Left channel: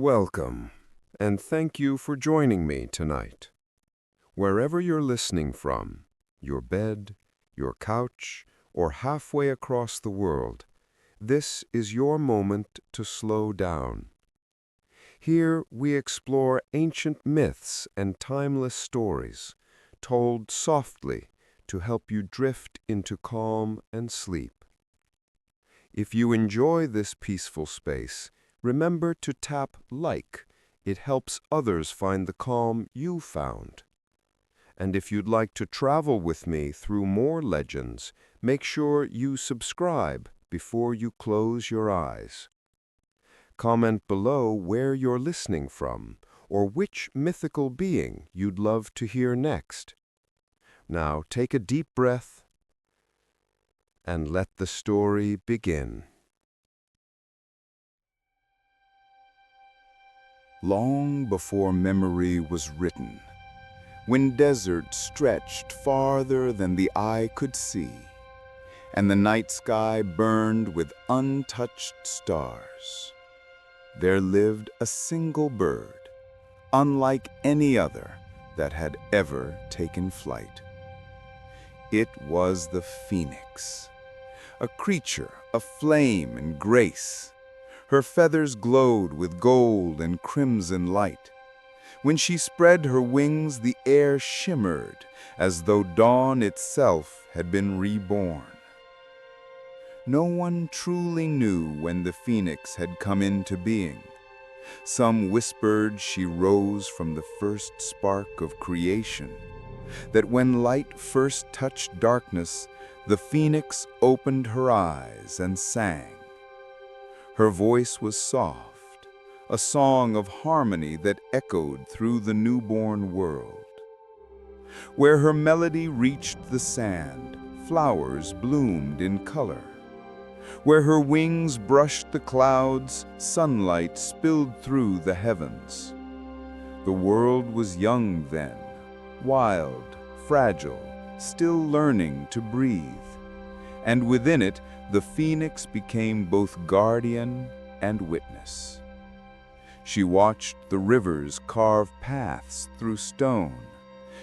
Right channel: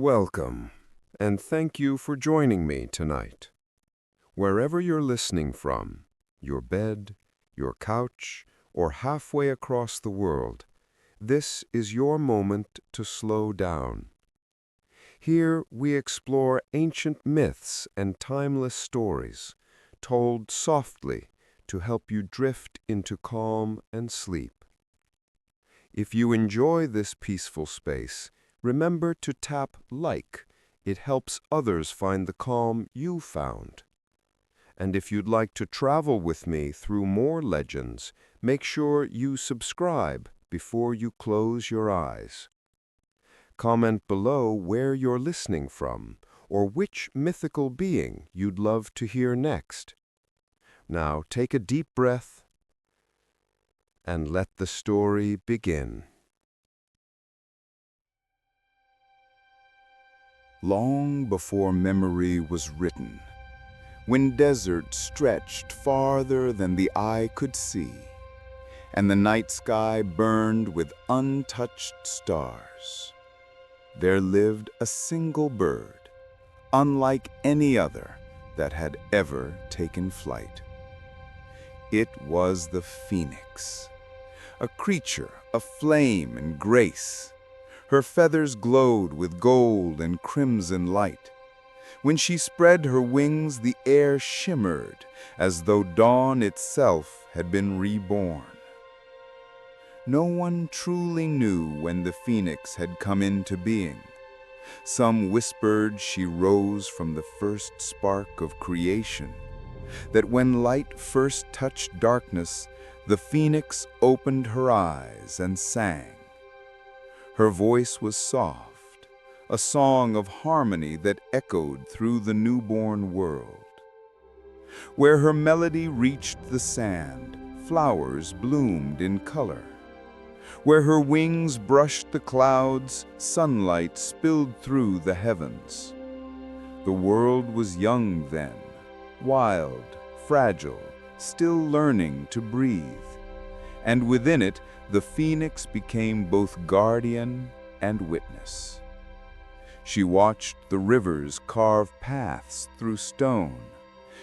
Welcome, and thank you for joining me tonight. Wherever you're listening from, your bed, your couch, or halfway across the world, this is your moment to slow down. Here we explore ancient myths and timeless stories, told softly to help you drift into calm and sleep. If you enjoy this peaceful space, remember to tap like. It helps others find the calm you found. And if you'd like to travel with me through more legends, make sure you subscribe before you close your eyes. Comment below where you're listening from or which mythical being you'd love to hear next. Now take a deep breath and let the story begin. Long before memory was written, when desert stretched farther than the eye could see, and the night sky burned with untouched stars, there lived a single bird, unlike any other that had ever taken flight. It was the phoenix, a creature of flame and grace. Her feathers glowed with gold and crimson light. When she spread her wings, the air shimmered as though dawn itself had been reborn. No one truly knew when the phoenix had come into being. Some whispered she rose from the first spark of creation, that when light first touched darkness, the phoenix opened her eyes and sang. Her voice was soft, a song of harmony that echoed through the newborn world. Where her melody reached the sand, flowers bloomed in color. Where her wings brushed the clouds, sunlight spilled through the heavens. The world was young then, wild, fragile, still learning to breathe. And within it, the phoenix became both guardian and witness. She watched the rivers carve paths through stone.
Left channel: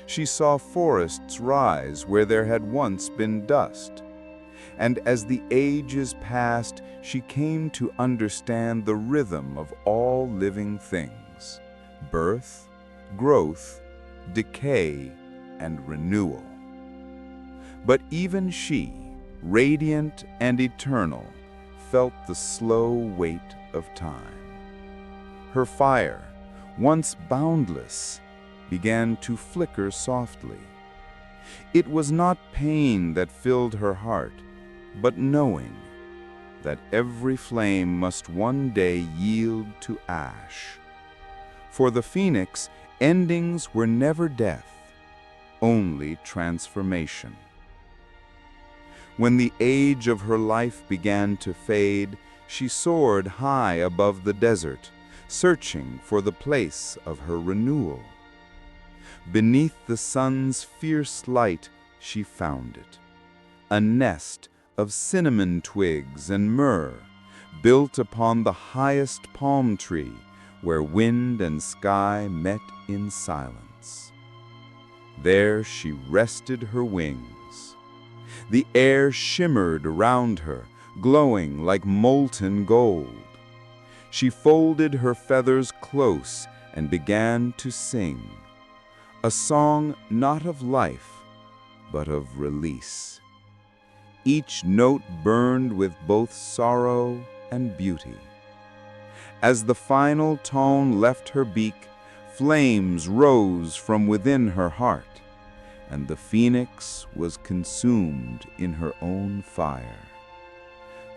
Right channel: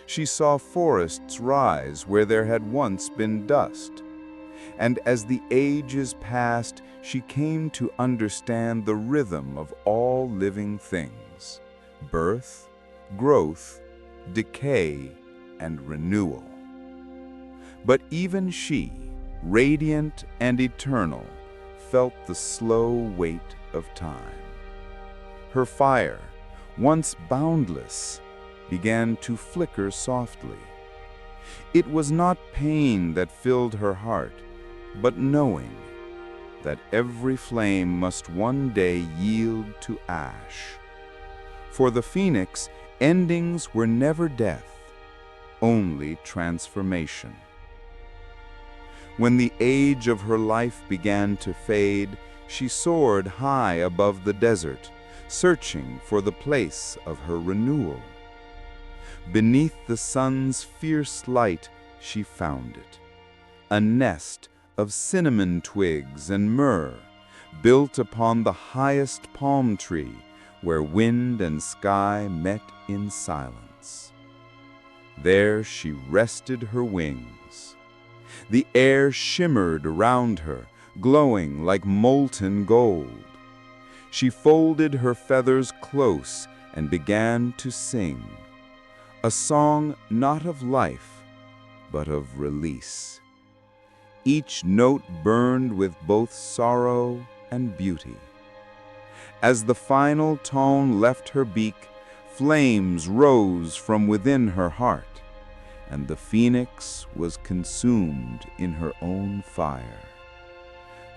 She saw forests rise where there had once been dust. And as the ages passed, she came to understand the rhythm of all living things: birth, growth, decay, and renewal. But even she, radiant and eternal, felt the slow weight of time. Her fire, once boundless, began to flicker softly. It was not pain that filled her heart, but knowing that every flame must one day yield to ash. For the phoenix, endings were never death, only transformation. When the age of her life began to fade, she soared high above the desert, searching for the place of her renewal. Beneath the sun's fierce light, she found it, a nest of cinnamon twigs and myrrh, built upon the highest palm tree, where wind and sky met in silence. There she rested her wings. The air shimmered around her, glowing like molten gold. She folded her feathers close and began to sing, a song not of life, but of release. Each note burned with both sorrow and beauty. As the final tone left her beak, flames rose from within her heart, and the phoenix was consumed in her own fire.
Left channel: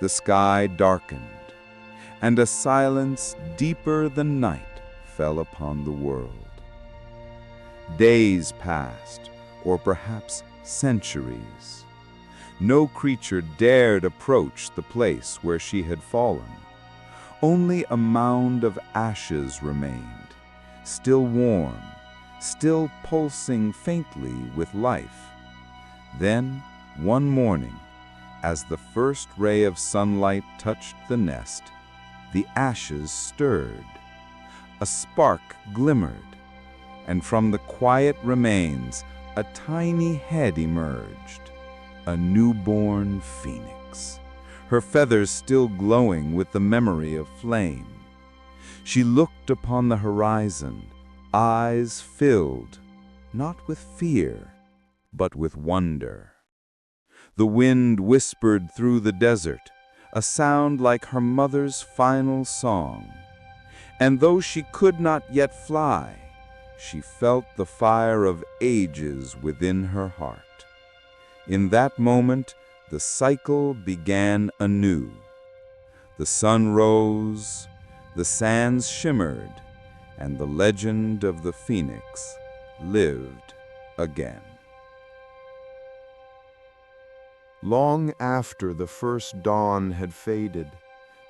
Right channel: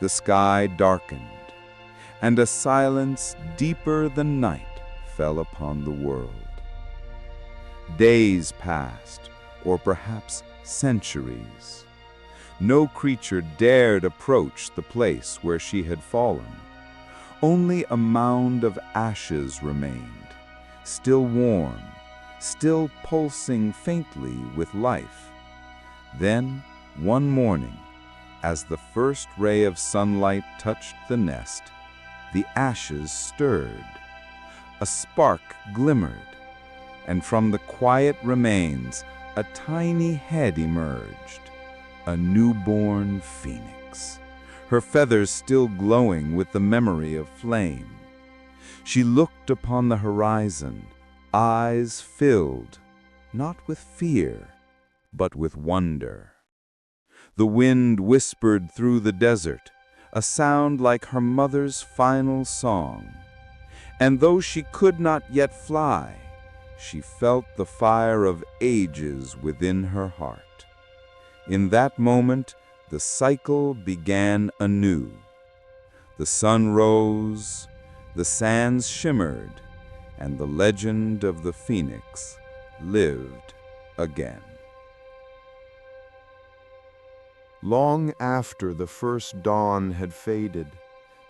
The sky darkened, and a silence deeper than night fell upon the world. Days passed, or perhaps centuries. No creature dared approach the place where she had fallen. Only a mound of ashes remained, still warm, still pulsing faintly with life. Then, one morning, as the first ray of sunlight touched the nest, the ashes stirred. a spark glimmered, and from the quiet remains a tiny head emerged, a newborn phoenix, her feathers still glowing with the memory of flame. She looked upon the horizon, eyes filled, not with fear, but with wonder. The wind whispered through the desert, a sound like her mother's final song. And though she could not yet fly, she felt the fire of ages within her heart. In that moment, the cycle began anew. The sun rose, the sands shimmered, and the legend of the phoenix lived again. Long after the first dawn had faded,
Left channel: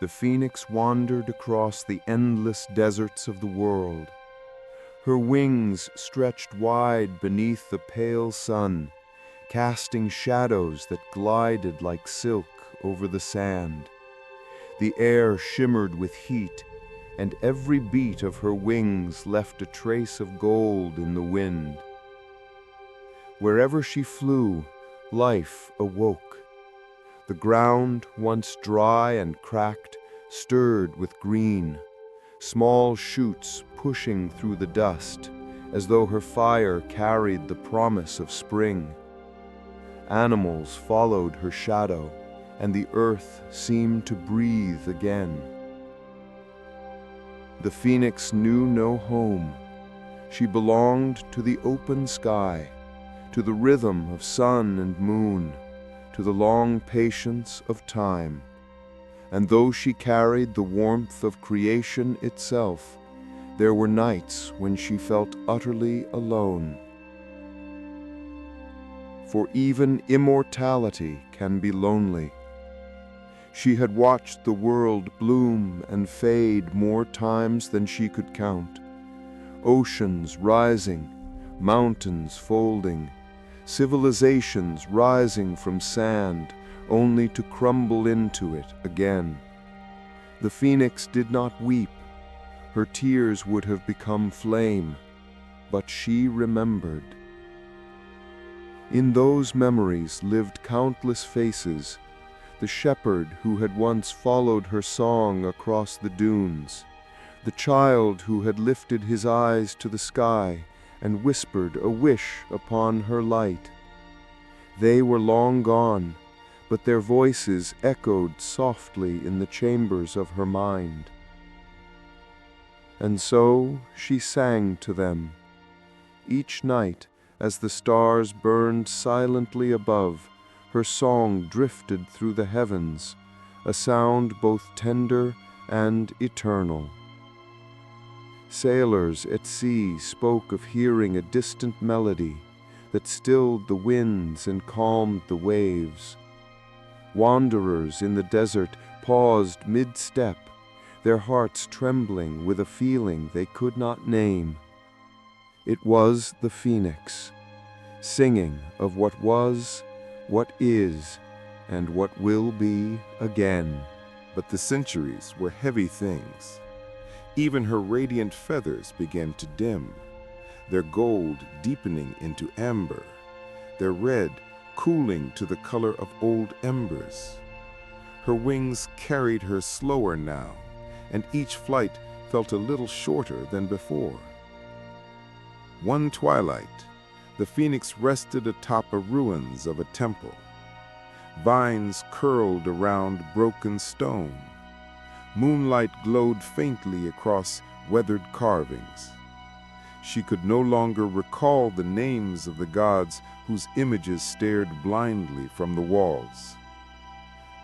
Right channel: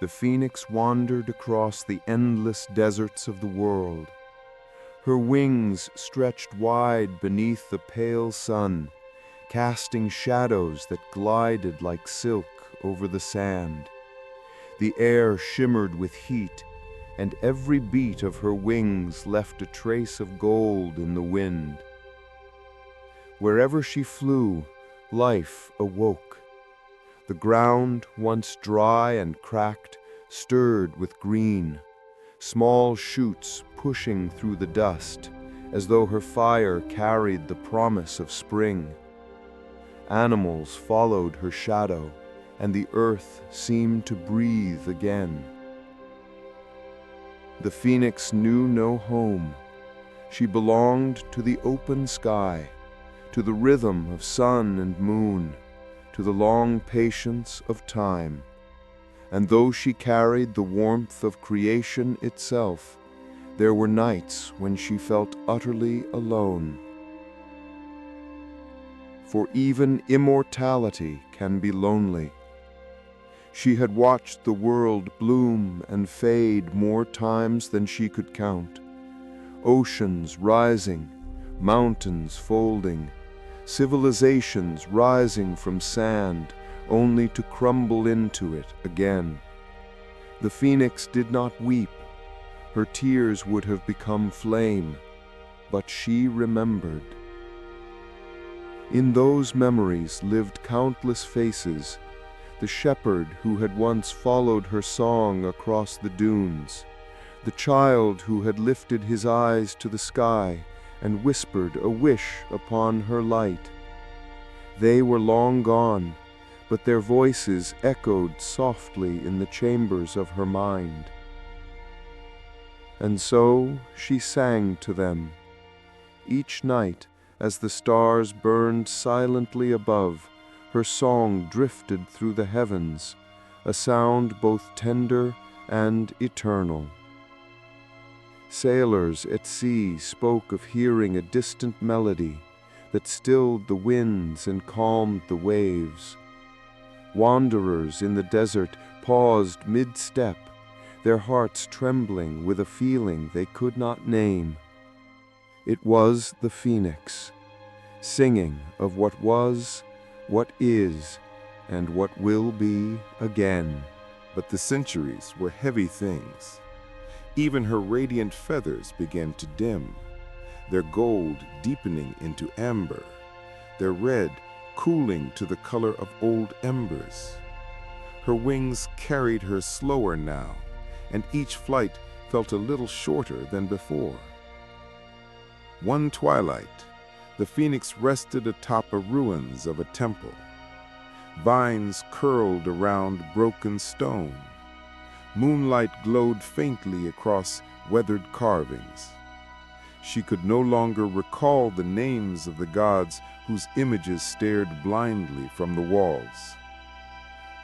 the phoenix wandered across the endless deserts of the world. Her wings stretched wide beneath the pale sun, casting shadows that glided like silk over the sand. The air shimmered with heat, and every beat of her wings left a trace of gold in the wind. Wherever she flew, life awoke. The ground, once dry and cracked, stirred with green, small shoots pushing through the dust, as though her fire carried the promise of spring. Animals followed her shadow, and the earth seemed to breathe again. The phoenix knew no home. She belonged to the open sky, to the rhythm of sun and moon, to the long patience of time. And though she carried the warmth of creation itself, there were nights when she felt utterly alone. For even immortality can be lonely. She had watched the world bloom and fade more times than she could count. Oceans rising, mountains folding, civilizations rising from sand, only to crumble into it again. The phoenix did not weep. Her tears would have become flame, but she remembered. In those memories lived countless faces, the shepherd who had once followed her song across the dunes, the child who had lifted his eyes to the sky and whispered a wish upon her light. They were long gone, but their voices echoed softly in the chambers of her mind. And so she sang to them. Each night, as the stars burned silently above, her song drifted through the heavens, a sound both tender and eternal. Sailors at sea spoke of hearing a distant melody that stilled the winds and calmed the waves. Wanderers in the desert paused mid-step, their hearts trembling with a feeling they could not name. It was the phoenix, singing of what was, what is, and what will be again. But the centuries were heavy things. Even her radiant feathers began to dim, their gold deepening into amber, their red cooling to the color of old embers. Her wings carried her slower now, and each flight felt a little shorter than before. One twilight, the phoenix rested atop the ruins of a temple. Vines curled around broken stone. Moonlight glowed faintly across weathered carvings. She could no longer recall the names of the gods whose images stared blindly from the walls.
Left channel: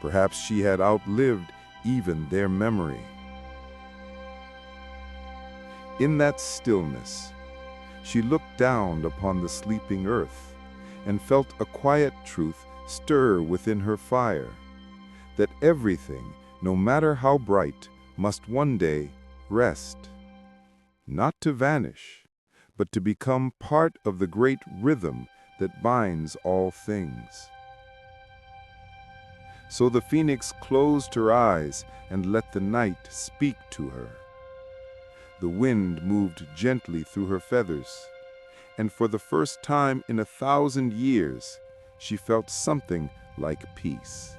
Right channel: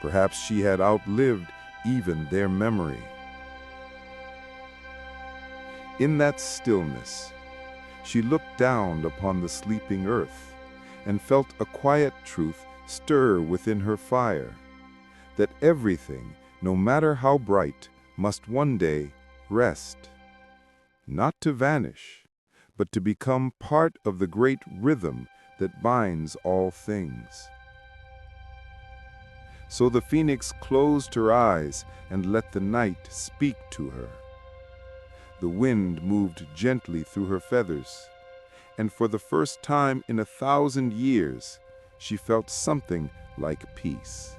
Perhaps she had outlived even their memory. In that stillness, she looked down upon the sleeping earth and felt a quiet truth stir within her fire, that everything, no matter how bright, must one day rest, not to vanish, but to become part of the great rhythm that binds all things. So the phoenix closed her eyes and let the night speak to her. The wind moved gently through her feathers, and for the first time in 1,000 years, she felt something like peace.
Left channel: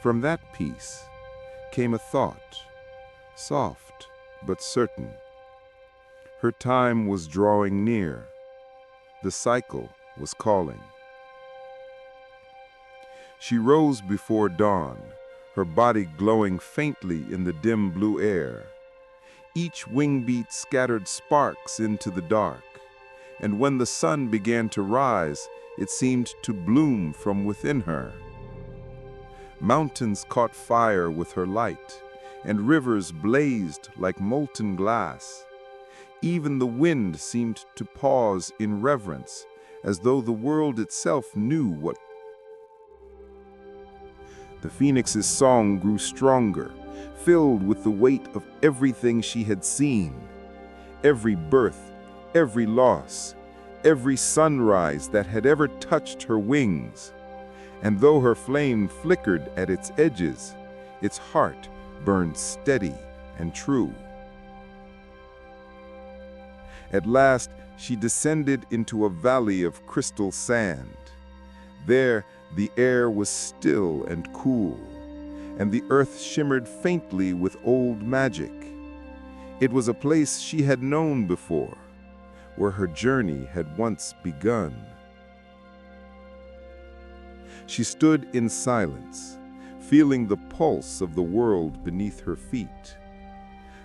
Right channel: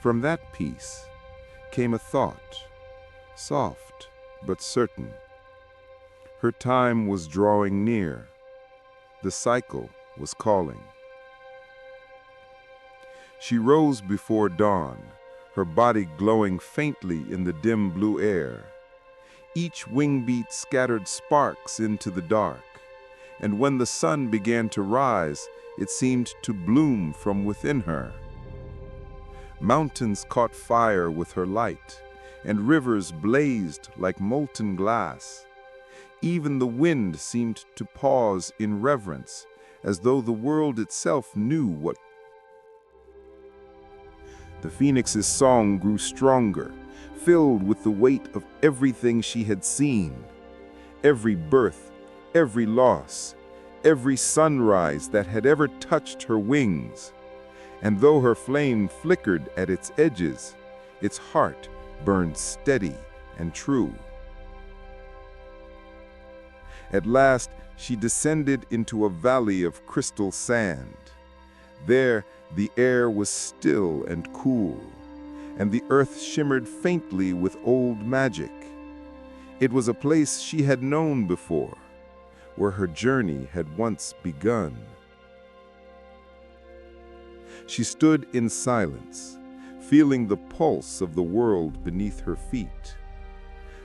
From that peace came a thought, soft but certain. Her time was drawing near. The cycle was calling. She rose before dawn, her body glowing faintly in the dim blue air. Each wing beat scattered sparks into the dark, and when the sun began to rise, it seemed to bloom from within her. Mountains caught fire with her light, and rivers blazed like molten glass. Even the wind seemed to pause in reverence, as though the world itself knew what. The phoenix's song grew stronger, filled with the weight of everything she had seen. Every birth, every loss, every sunrise that had ever touched her wings. And though her flame flickered at its edges, its heart burned steady and true. At last, she descended into a valley of crystal sand. There, the air was still and cool, and the earth shimmered faintly with old magic. It was a place she had known before, where her journey had once begun. She stood in silence, feeling the pulse of the world beneath her feet.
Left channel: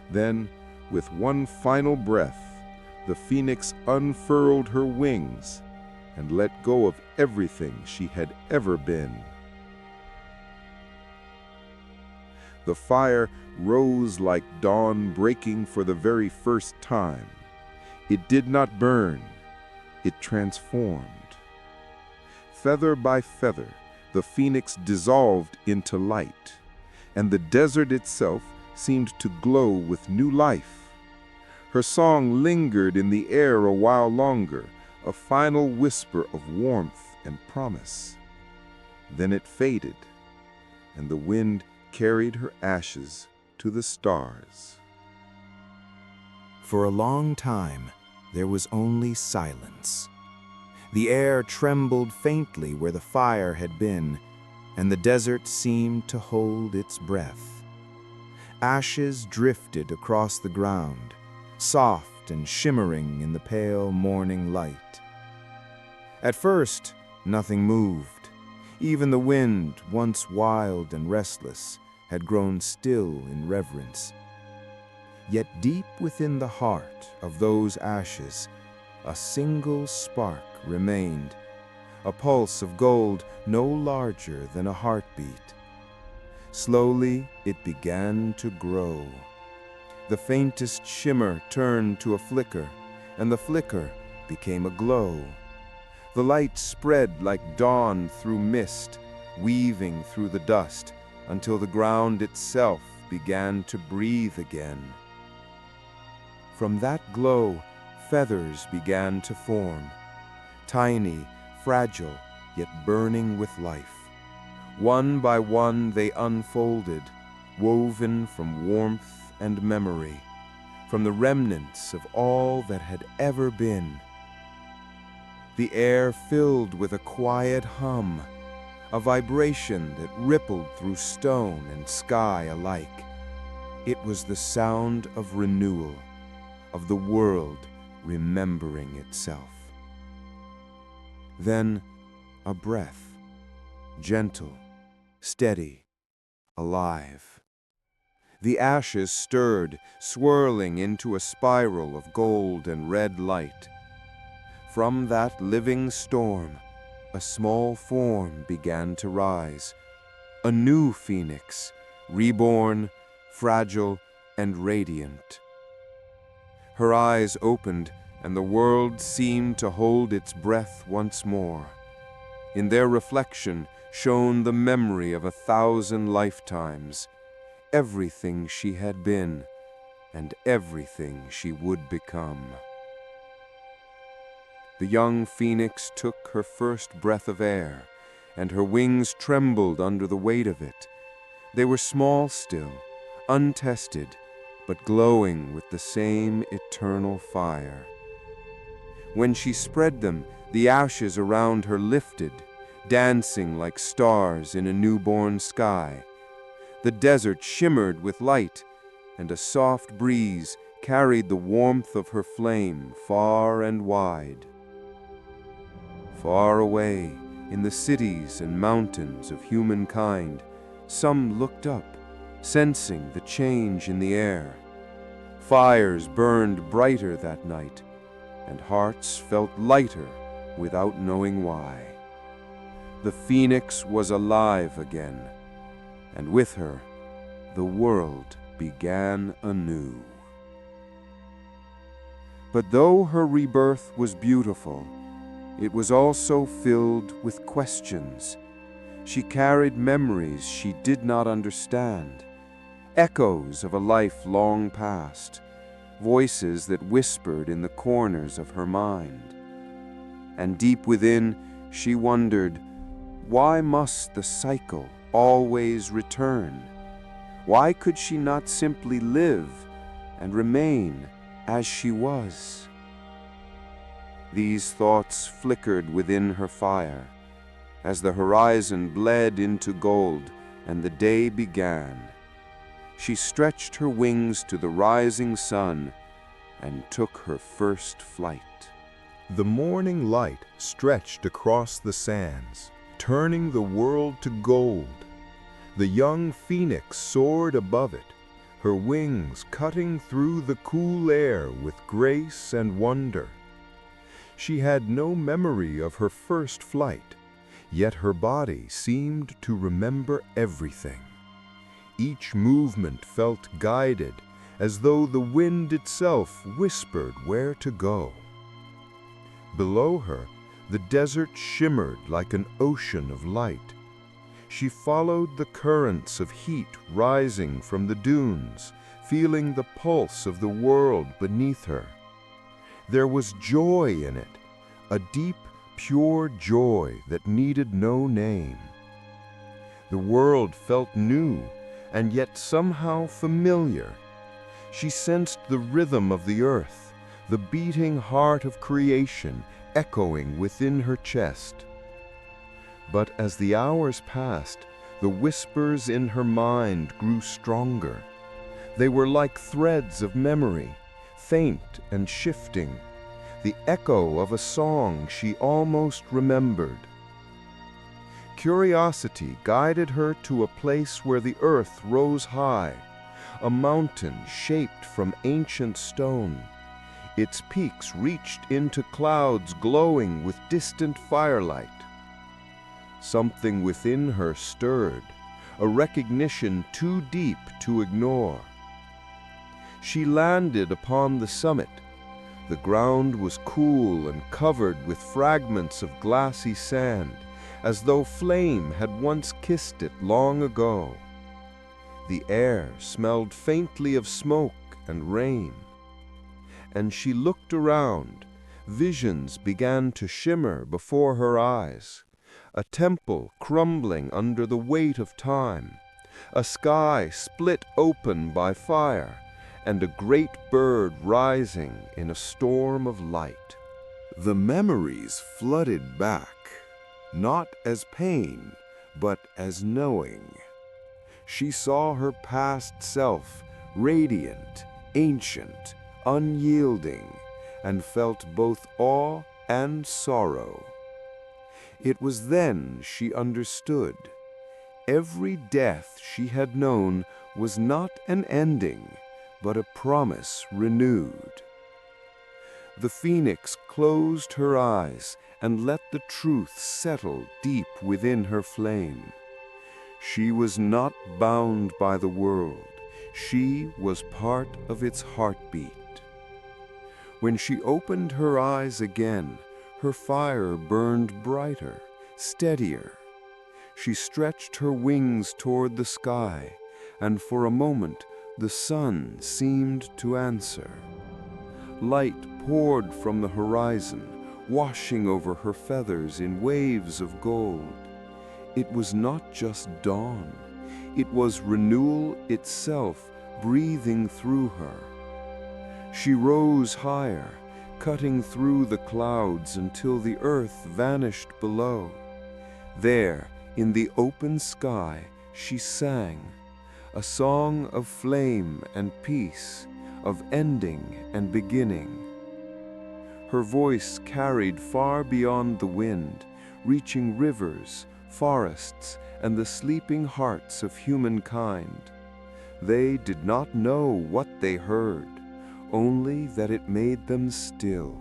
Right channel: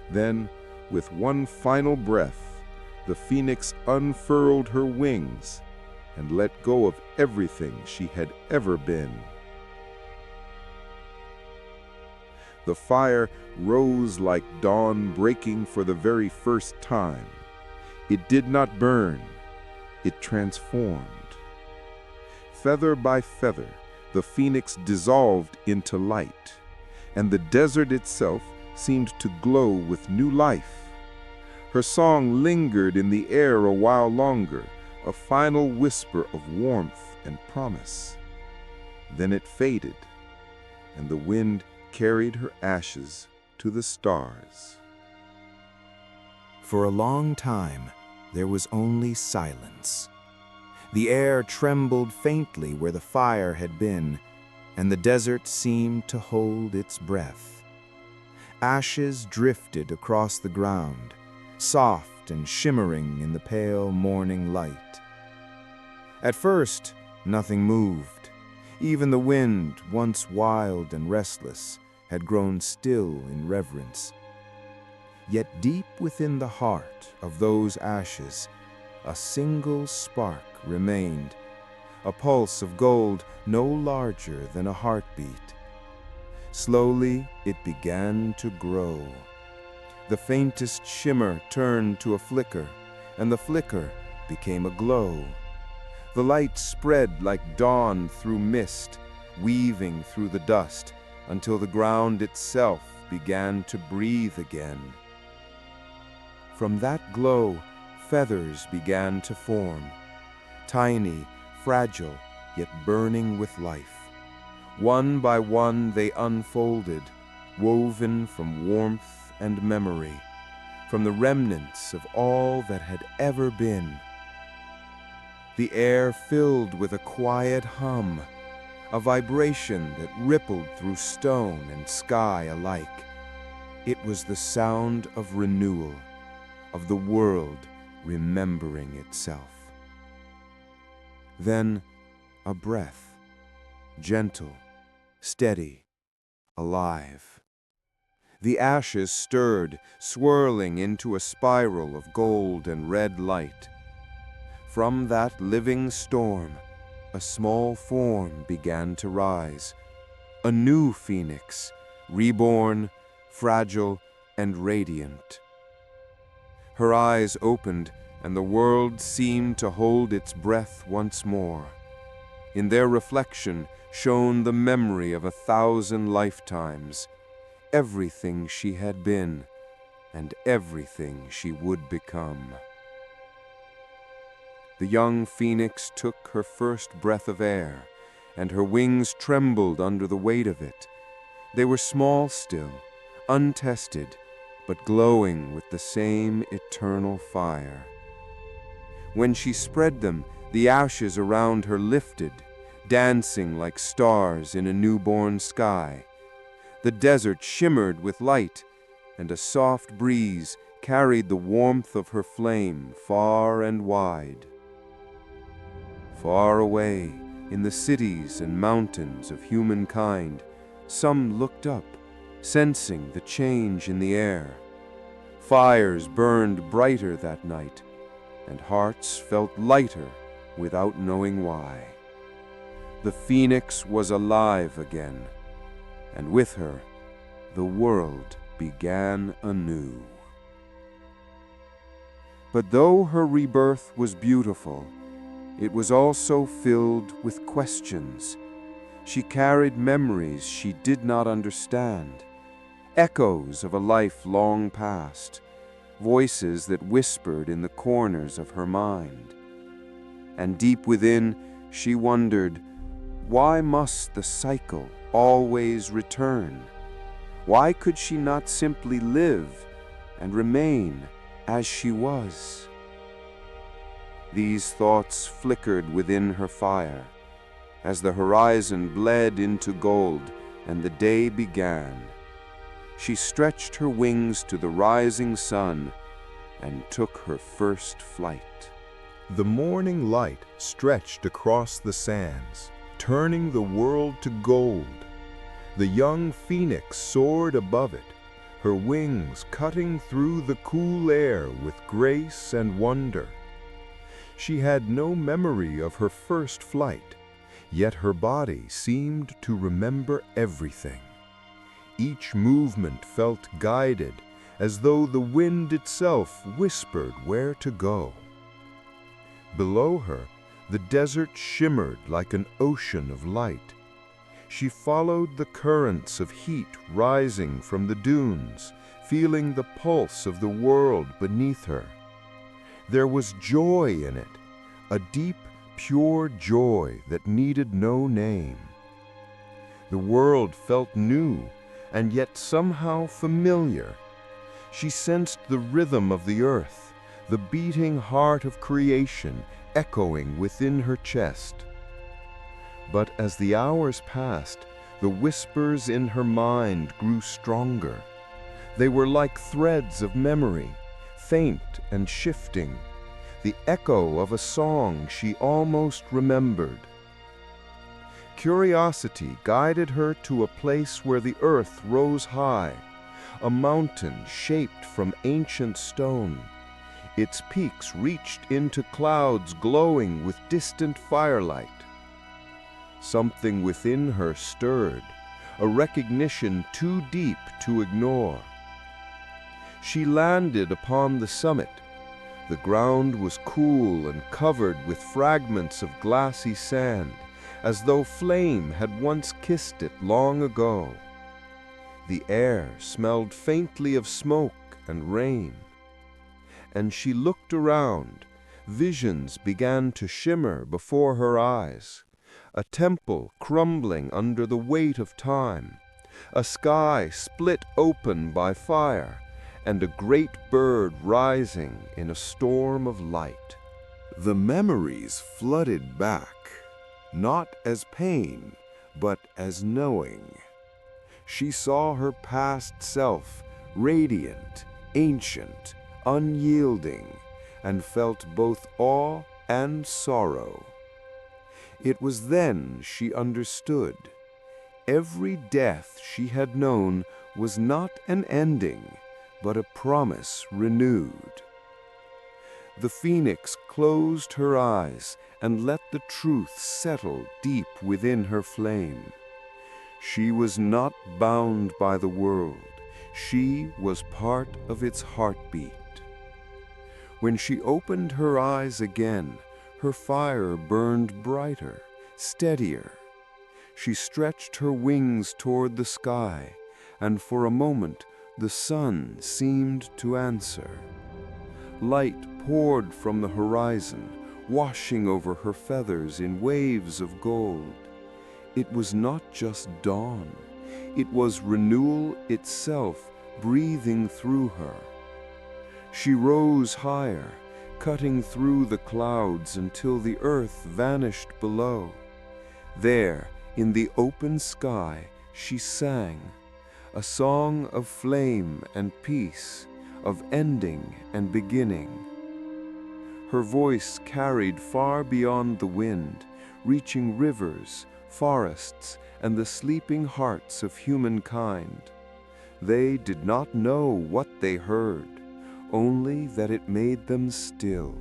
Then, with one final breath, the phoenix unfurled her wings and let go of everything she had ever been. The fire rose like dawn breaking for the very first time. It did not burn, it transformed. Feather by feather, the phoenix dissolved into light, and the desert itself seemed to glow with new life. Her song lingered in the air a while longer, a final whisper of warmth and promise. Then it faded, and the wind carried her ashes to the stars. For a long time, there was only silence. The air trembled faintly where the fire had been, and the desert seemed to hold its breath. Ashes drifted across the ground, soft and shimmering in the pale morning light. At first, nothing moved. Even the wind, once wild and restless, had grown still in reverence. Yet deep within the heart of those ashes, a single spark remained, a pulse of gold no larger than a heartbeat. Slowly, it began to grow. The faintest shimmer turned to a flicker, and the flicker became a glow. The light spread like dawn through mist, weaving through the dust, until the ground itself began to breathe again. From that glow, feathers began to form, tiny, fragile, yet burning with life. One by one they unfolded, woven from warmth and memory, from the remnants of all that had ever been. The air filled with a quiet hum, a vibration that rippled through stone and sky alike. It was the sound of renewal, of the world remembering itself. Then a breath, gentle, steady, alive. The ashes stirred, swirling into a spiral of gold and red light. From that living storm, a small form began to rise, a new phoenix, reborn, fragile, and radiant. Her eyes opened, and the world seemed to hold its breath once more. In their reflection shone the memory of 1,000 lifetimes, everything she had been, and everything she would become. The young phoenix took her first breath of air, and her wings trembled under the weight of it. They were small still, untested, but glowing with the same eternal fire. When she spread them, the ashes around her lifted, dancing like stars in a newborn sky. The desert shimmered with light, and a soft breeze carried the warmth of her flame far and wide. Far away, in the cities and mountains of humankind, some looked up, sensing the change in the air. Fires burned brighter that night, and hearts felt lighter without knowing why. The phoenix was alive again, and with her, the world began anew. But though her rebirth was beautiful, it was also filled with questions. She carried memories she did not understand, echoes of a life long past, voices that whispered in the corners of her mind. And deep within, she wondered, why must the cycle always return? Why could she not simply live and remain as she was? These thoughts flickered within her fire as the horizon bled into gold and the day began. She stretched her wings to the rising sun and took her first flight. The morning light stretched across the sands, turning the world to gold. The young phoenix soared above it, her wings cutting through the cool air with grace and wonder. She had no memory of her first flight, yet her body seemed to remember everything. Each movement felt guided, as though the wind itself whispered where to go. Below her, the desert shimmered like an ocean of light. She followed the currents of heat rising from the dunes, feeling the pulse of the world beneath her. There was joy in it, a deep, pure joy that needed no name. The world felt new, and yet somehow familiar. She sensed the rhythm of the earth, the beating heart of creation echoing within her chest. But as the hours passed, the whispers in her mind grew stronger. They were like threads of memory, faint and shifting, the echo of a song she almost remembered. Curiosity guided her to a place where the earth rose high, a mountain shaped from ancient stone. Its peaks reached into clouds glowing with distant firelight. Something within her stirred, a recognition too deep to ignore. She landed upon the summit. The ground was cool and covered with fragments of glassy sand, as though flame had once kissed it long ago. The air smelled faintly of smoke and rain. And she looked around. Visions began to shimmer before her eyes. A temple crumbling under the weight of time, a sky split open by fire, and a great bird rising in a storm of light. The memories flooded back, not as pain, but as knowing. She saw her past self, radiant, ancient, unyielding, and felt both awe and sorrow. It was then she understood. Every death she had known was not an ending, but a promise renewed. The phoenix closed her eyes and let the truth settle deep within her flame. She was not bound by the world. She was part of its heartbeat. When she opened her eyes again, her fire burned brighter, steadier. She stretched her wings toward the sky, and for a moment the sun seemed to answer. Light poured from the horizon, washing over her feathers in waves of gold. It was not just dawn. It was renewal itself, breathing through her. She rose higher, cutting through the clouds until the earth vanished below. There, in the open sky, she sang, a song of flame and peace, of ending and beginning. Her voice carried far beyond the wind, reaching rivers, forests, and the sleeping hearts of humankind. They did not know what they heard, only that it made them still.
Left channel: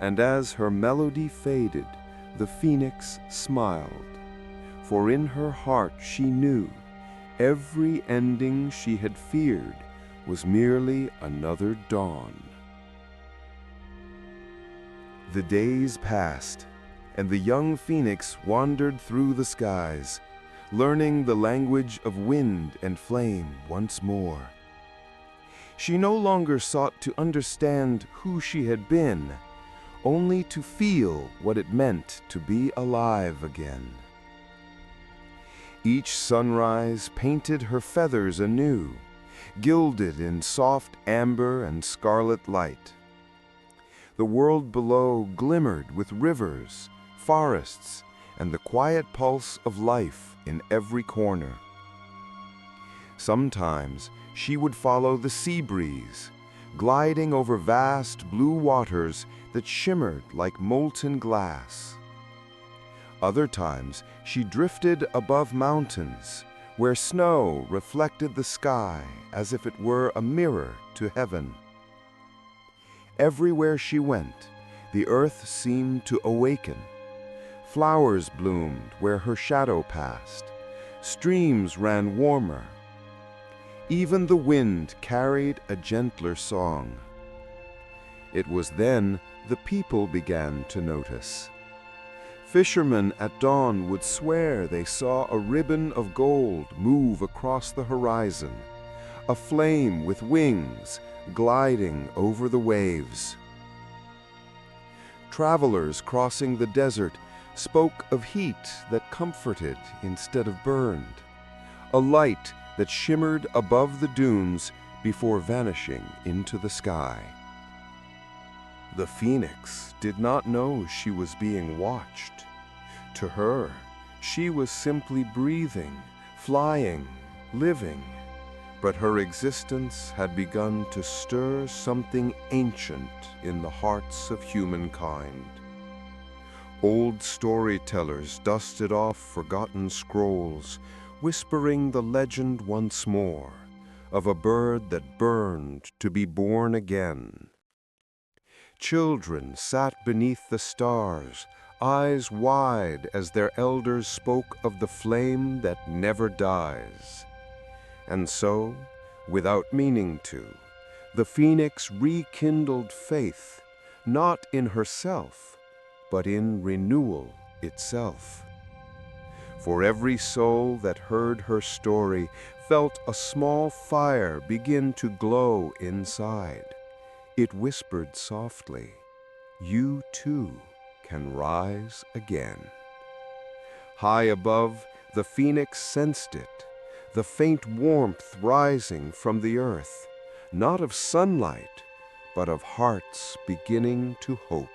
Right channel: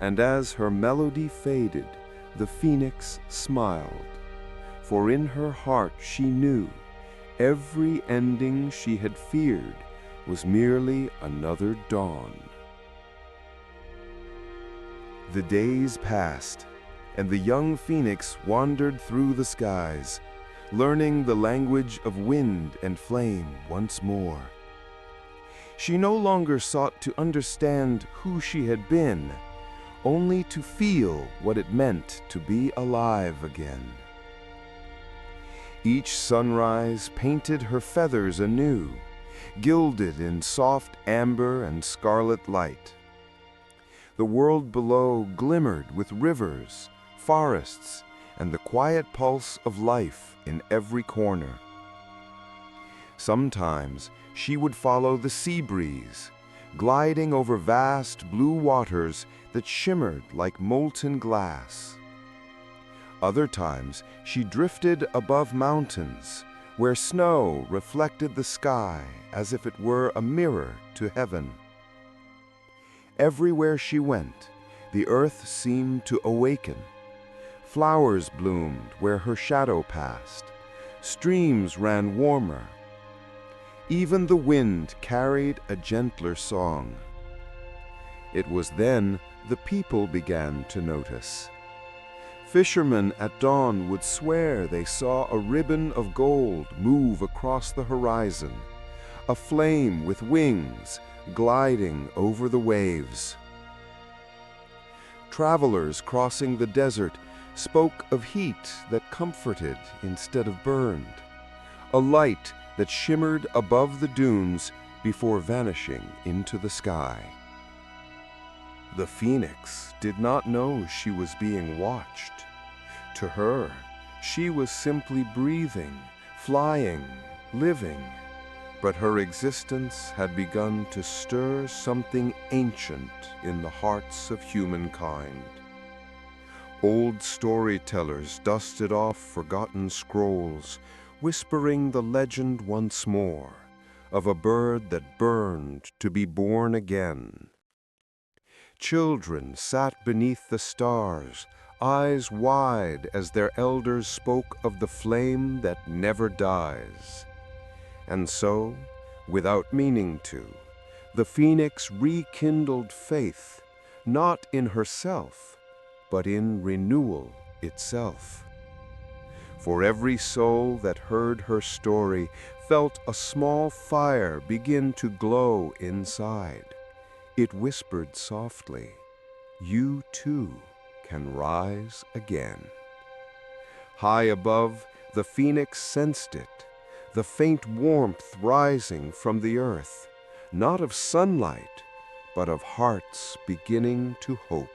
And as her melody faded, the phoenix smiled, for in her heart she knew every ending she had feared was merely another dawn. The days passed, and the young phoenix wandered through the skies, learning the language of wind and flame once more. She no longer sought to understand who she had been, only to feel what it meant to be alive again. Each sunrise painted her feathers anew, gilded in soft amber and scarlet light. The world below glimmered with rivers, forests, and the quiet pulse of life in every corner. Sometimes she would follow the sea breeze, gliding over vast blue waters that shimmered like molten glass. Other times she drifted above mountains, where snow reflected the sky as if it were a mirror to heaven. Everywhere she went, the earth seemed to awaken. Flowers bloomed where her shadow passed. Streams ran warmer. Even the wind carried a gentler song. It was then the people began to notice. Fishermen at dawn would swear they saw a ribbon of gold move across the horizon, a flame with wings gliding over the waves. Travelers crossing the desert spoke of heat that comforted instead of burned, a light that shimmered above the dunes before vanishing into the sky. The phoenix did not know she was being watched. To her, she was simply breathing, flying, living, but her existence had begun to stir something ancient in the hearts of humankind. Old storytellers dusted off forgotten scrolls, whispering the legend once more of a bird that burned to be born again. Children sat beneath the stars, eyes wide as their elders spoke of the flame that never dies. And so, without meaning to, the phoenix rekindled faith, not in herself, but in renewal itself. For every soul that heard her story felt a small fire begin to glow inside. It whispered softly, "You too can rise again." High above, the phoenix sensed it, the faint warmth rising from the earth, not of sunlight, but of hearts beginning to hope.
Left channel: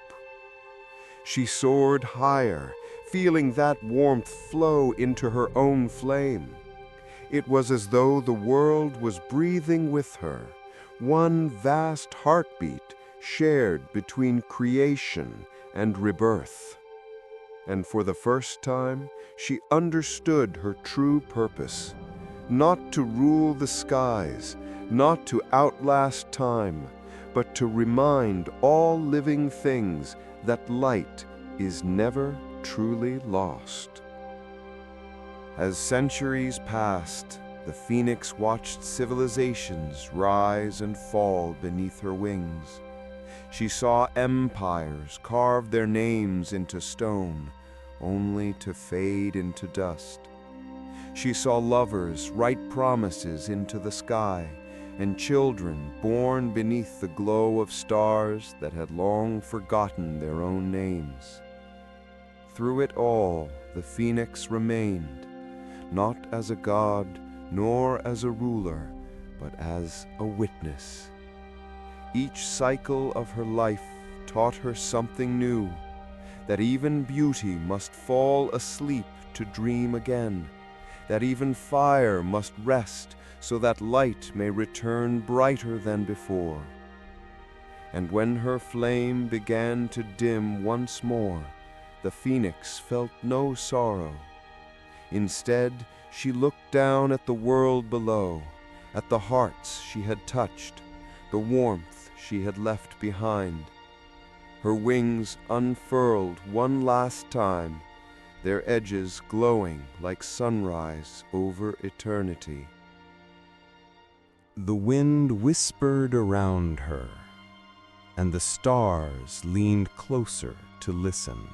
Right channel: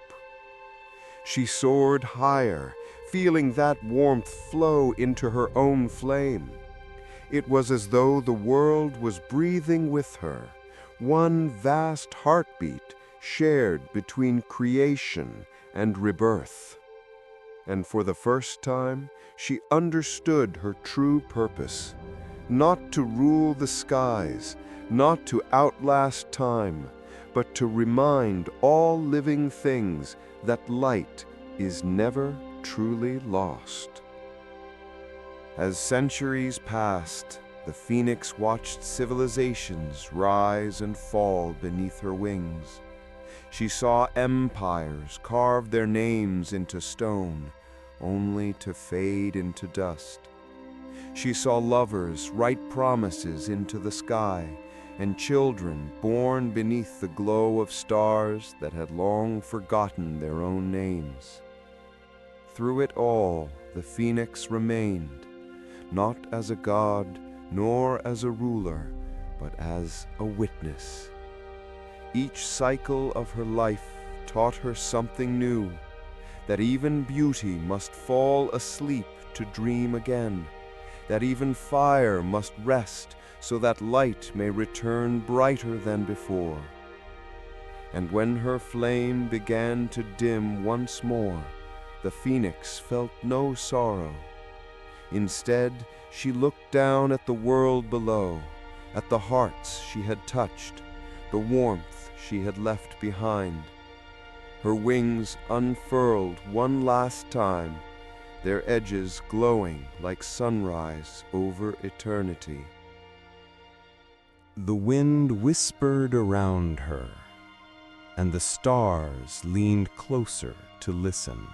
She soared higher, feeling that warmth flow into her own flame. It was as though the world was breathing with her, one vast heartbeat shared between creation and rebirth. And for the first time, she understood her true purpose, not to rule the skies, not to outlast time, but to remind all living things that light is never truly lost. As centuries passed, the phoenix watched civilizations rise and fall beneath her wings. She saw empires carve their names into stone, only to fade into dust. She saw lovers write promises into the sky, and children born beneath the glow of stars that had long forgotten their own names. Through it all, the phoenix remained, not as a god, nor as a ruler, but as a witness. Each cycle of her life taught her something new, that even beauty must fall asleep to dream again, that even fire must rest so that light may return brighter than before. And when her flame began to dim once more, the phoenix felt no sorrow. Instead, she looked down at the world below, at the hearts she had touched, the warmth she had left behind. Her wings unfurled one last time, their edges glowing like sunrise over eternity. The wind whispered around her, and the stars leaned closer to listen.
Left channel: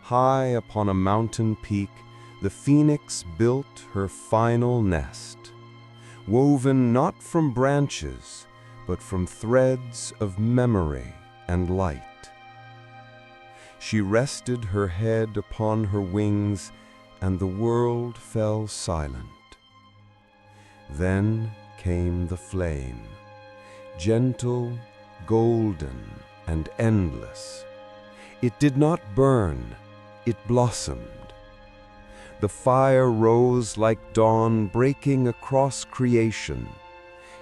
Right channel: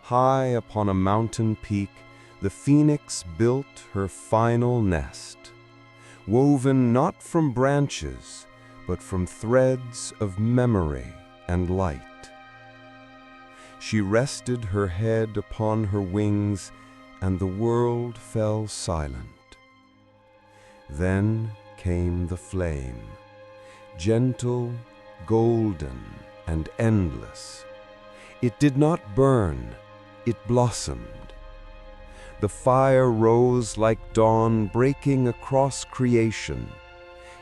High upon a mountain peak, the phoenix built her final nest, woven not from branches, but from threads of memory and light. She rested her head upon her wings, and the world fell silent. Then came the flame, gentle, golden, and endless. It did not burn, it blossomed. The fire rose like dawn breaking across creation.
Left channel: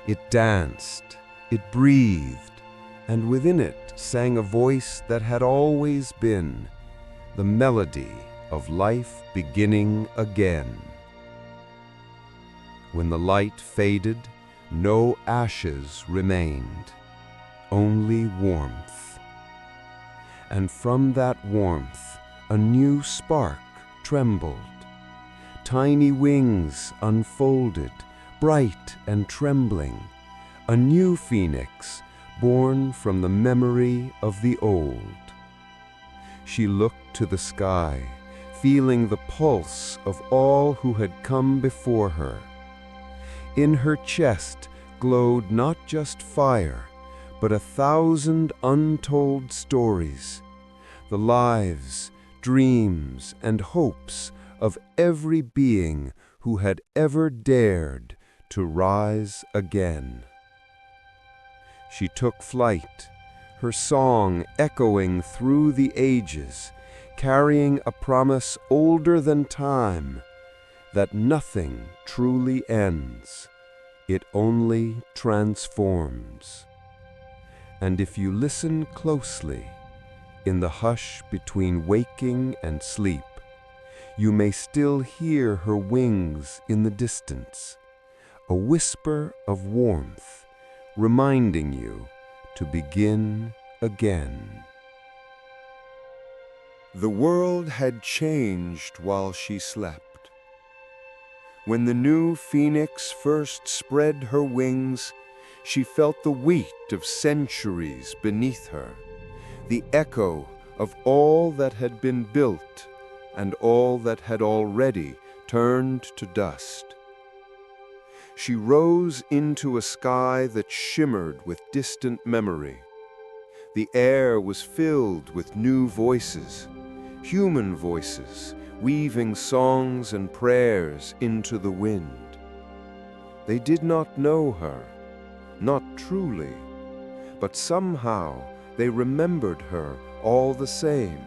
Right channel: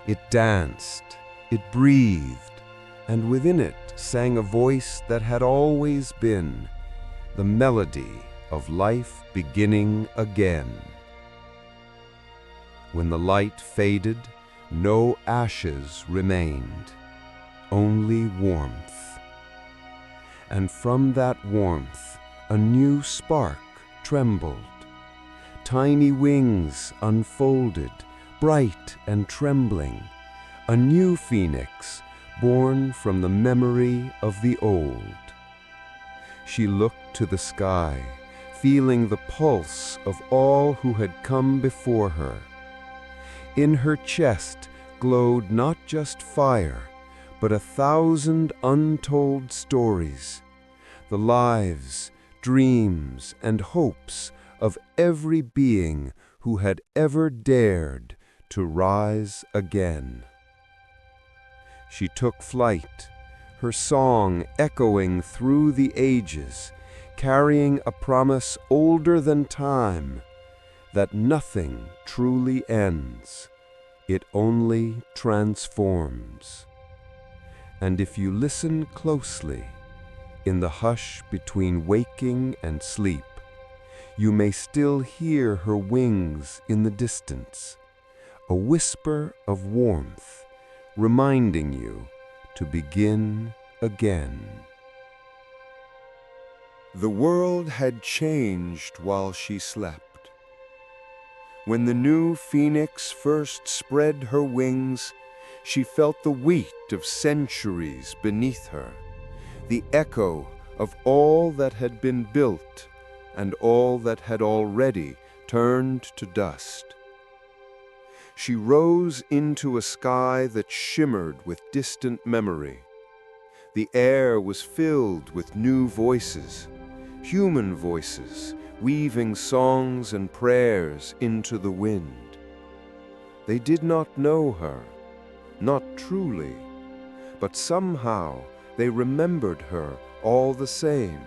It danced, it breathed, and within it sang a voice that had always been, the melody of life beginning again. When the light faded, no ashes remained, only warmth. And from that warmth, a new spark trembled. Tiny wings unfolded, bright and trembling, a new phoenix born from the memory of the old. She looked to the sky, feeling the pulse of all who had come before her. In her chest glowed not just fire, but 1,000 untold stories, the lives, dreams, and hopes of every being who had ever dared to rise again. She took flight, her song echoing through the ages, carrying a promise older than time, that nothing truly ends, it only transforms. And if you listen closely, in the hush between waking and sleep, you may still hear her wings in the distance, a whisper of warmth, reminding you to begin again. The world had changed while she slept. When the new phoenix first spread her wings, she felt the weight of centuries beneath her, the echo of all that had been built and all that had already turned to dust. She rose into a sky that shimmered with distant memory. The air was filled with new voices, human voices, weaving songs and prayers into the wind. They did not know her, not truly, but somehow they remembered her all the same.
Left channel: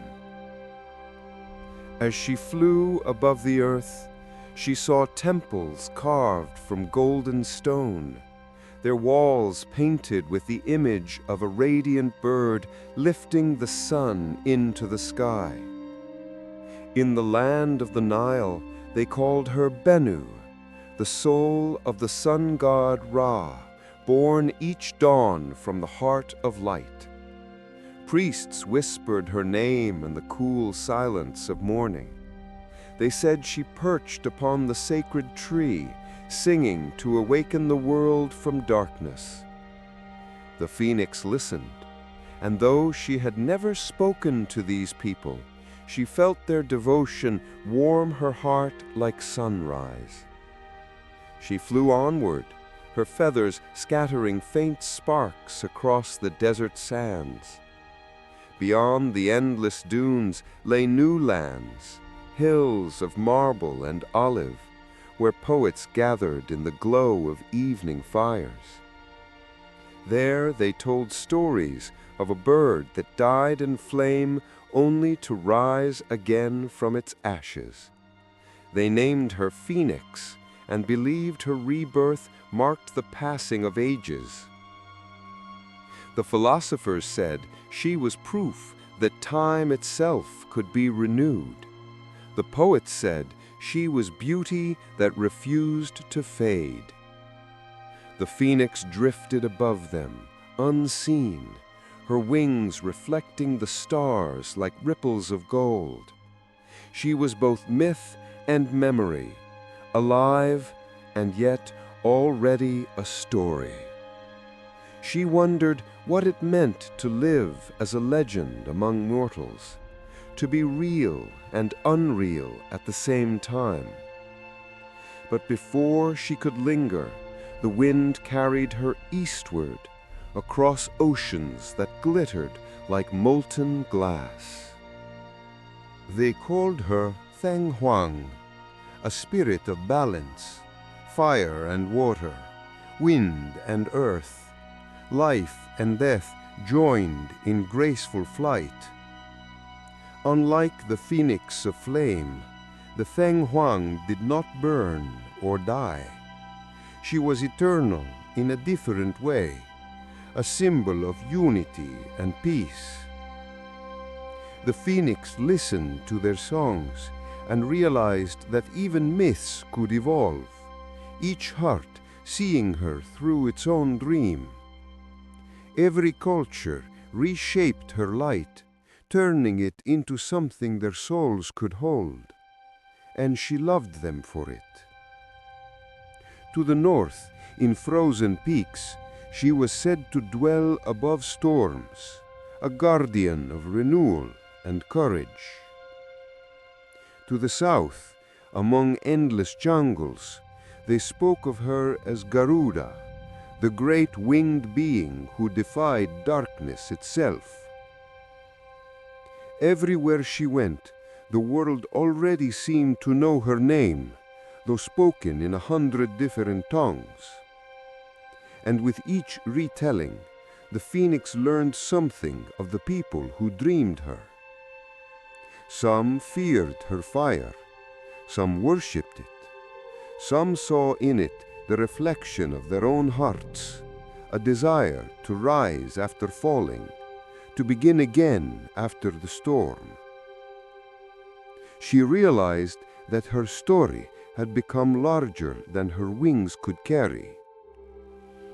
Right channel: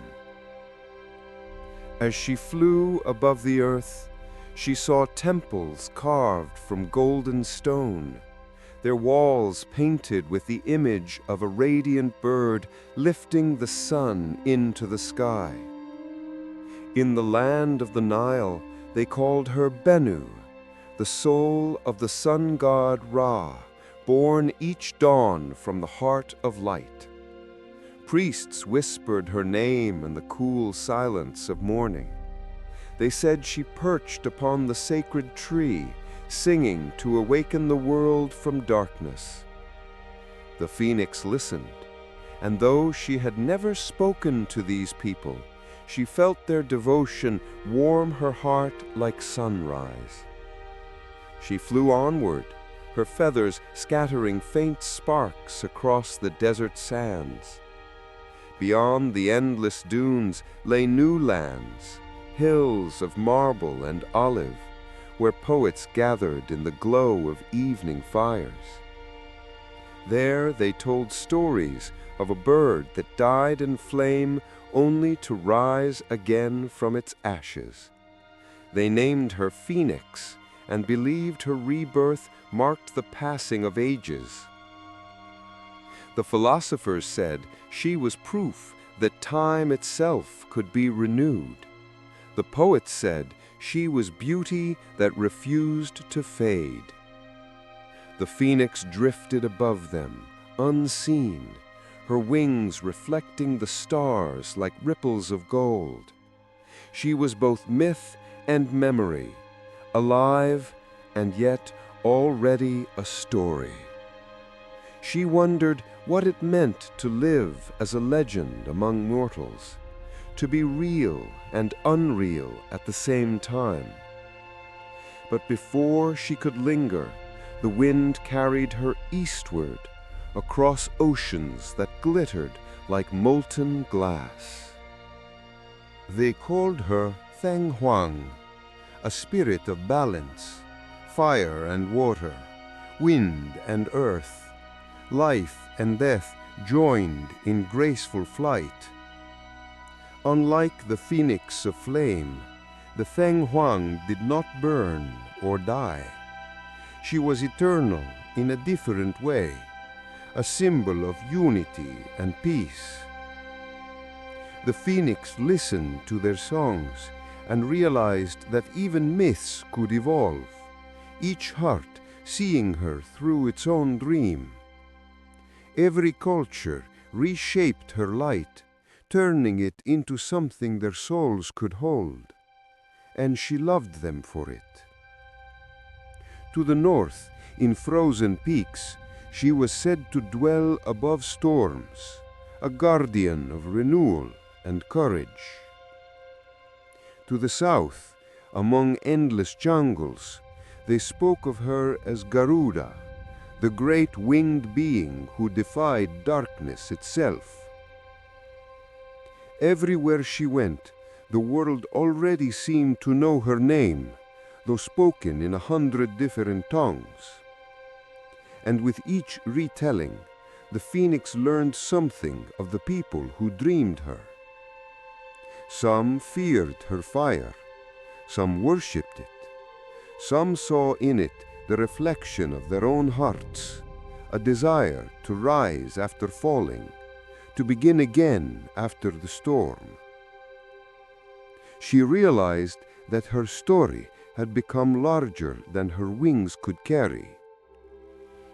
As she flew above the earth, she saw temples carved from golden stone, their walls painted with the image of a radiant bird lifting the sun into the sky. In the land of the Nile, they called her Bennu, the soul of the sun god Ra, born each dawn from the heart of light. Priests whispered her name in the cool silence of morning. They said she perched upon the sacred tree, singing to awaken the world from darkness. The phoenix listened, and though she had never spoken to these people, she felt their devotion warm her heart like sunrise. She flew onward, her feathers scattering faint sparks across the desert sands. Beyond the endless dunes lay new lands, hills of marble and olive, where poets gathered in the glow of evening fires. There they told stories of a bird that died in flame only to rise again from its ashes. They named her Phoenix and believed her rebirth marked the passing of ages. The philosophers said she was proof that time itself could be renewed. The poets said she was beauty that refused to fade. The phoenix drifted above them, unseen, her wings reflecting the stars like ripples of gold. She was both myth and memory, alive and yet already a story. She wondered what it meant to live as a legend among mortals, to be real and unreal at the same time. But before she could linger, the wind carried her eastward, across oceans that glittered like molten glass. They called her Theng Huang, a spirit of balance, fire and water, wind and earth, life and death joined in graceful flight. Unlike the phoenix of flame, the Theng Huang did not burn or die. She was eternal in a different way, a symbol of unity and peace. The phoenix listened to their songs and realized that even myths could evolve, each heart seeing her through its own dream. Every culture reshaped her light, turning it into something their souls could hold, and she loved them for it. To the north, in frozen peaks, she was said to dwell above storms, a guardian of renewal and courage. To the south, among endless jungles, they spoke of her as Garuda, the great winged being who defied darkness itself. Everywhere she went, the world already seemed to know her name, though spoken in 100 different tongues. And with each retelling, the phoenix learned something of the people who dreamed her. Some feared her fire, some worshipped it, some saw in it the reflection of their own hearts, a desire to rise after falling, to begin again after the storm. She realized that her story had become larger than her wings could carry.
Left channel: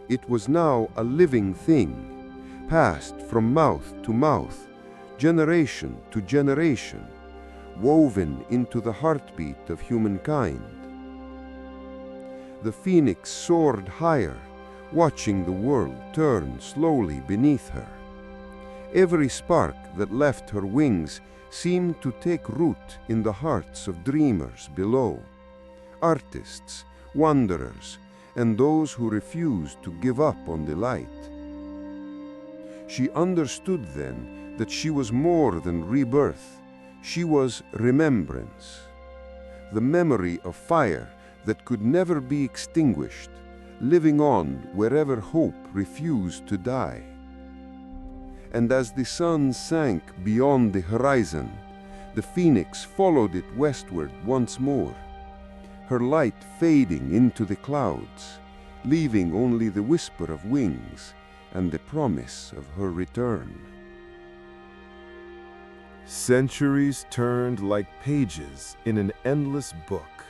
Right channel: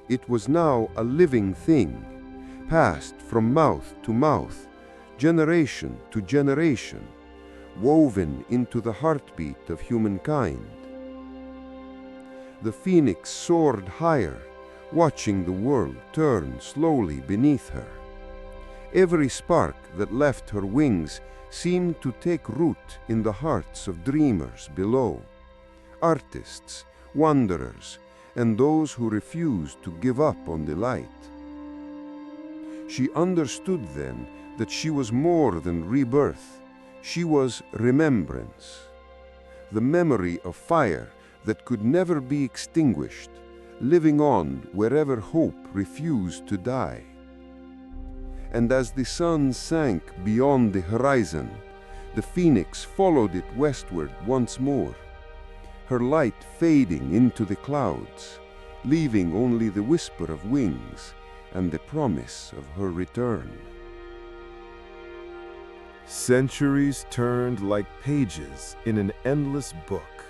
It was now a living thing, passed from mouth to mouth, generation to generation, woven into the heartbeat of humankind. The phoenix soared higher, watching the world turn slowly beneath her. Every spark that left her wings seemed to take root in the hearts of dreamers below, artists, wanderers, and those who refused to give up on the light. She understood then that she was more than rebirth. She was remembrance, the memory of fire that could never be extinguished, living on wherever hope refused to die. And as the sun sank beyond the horizon, the phoenix followed it westward once more, her light fading into the clouds, leaving only the whisper of wings and the promise of her return. Centuries turned like pages in an endless book.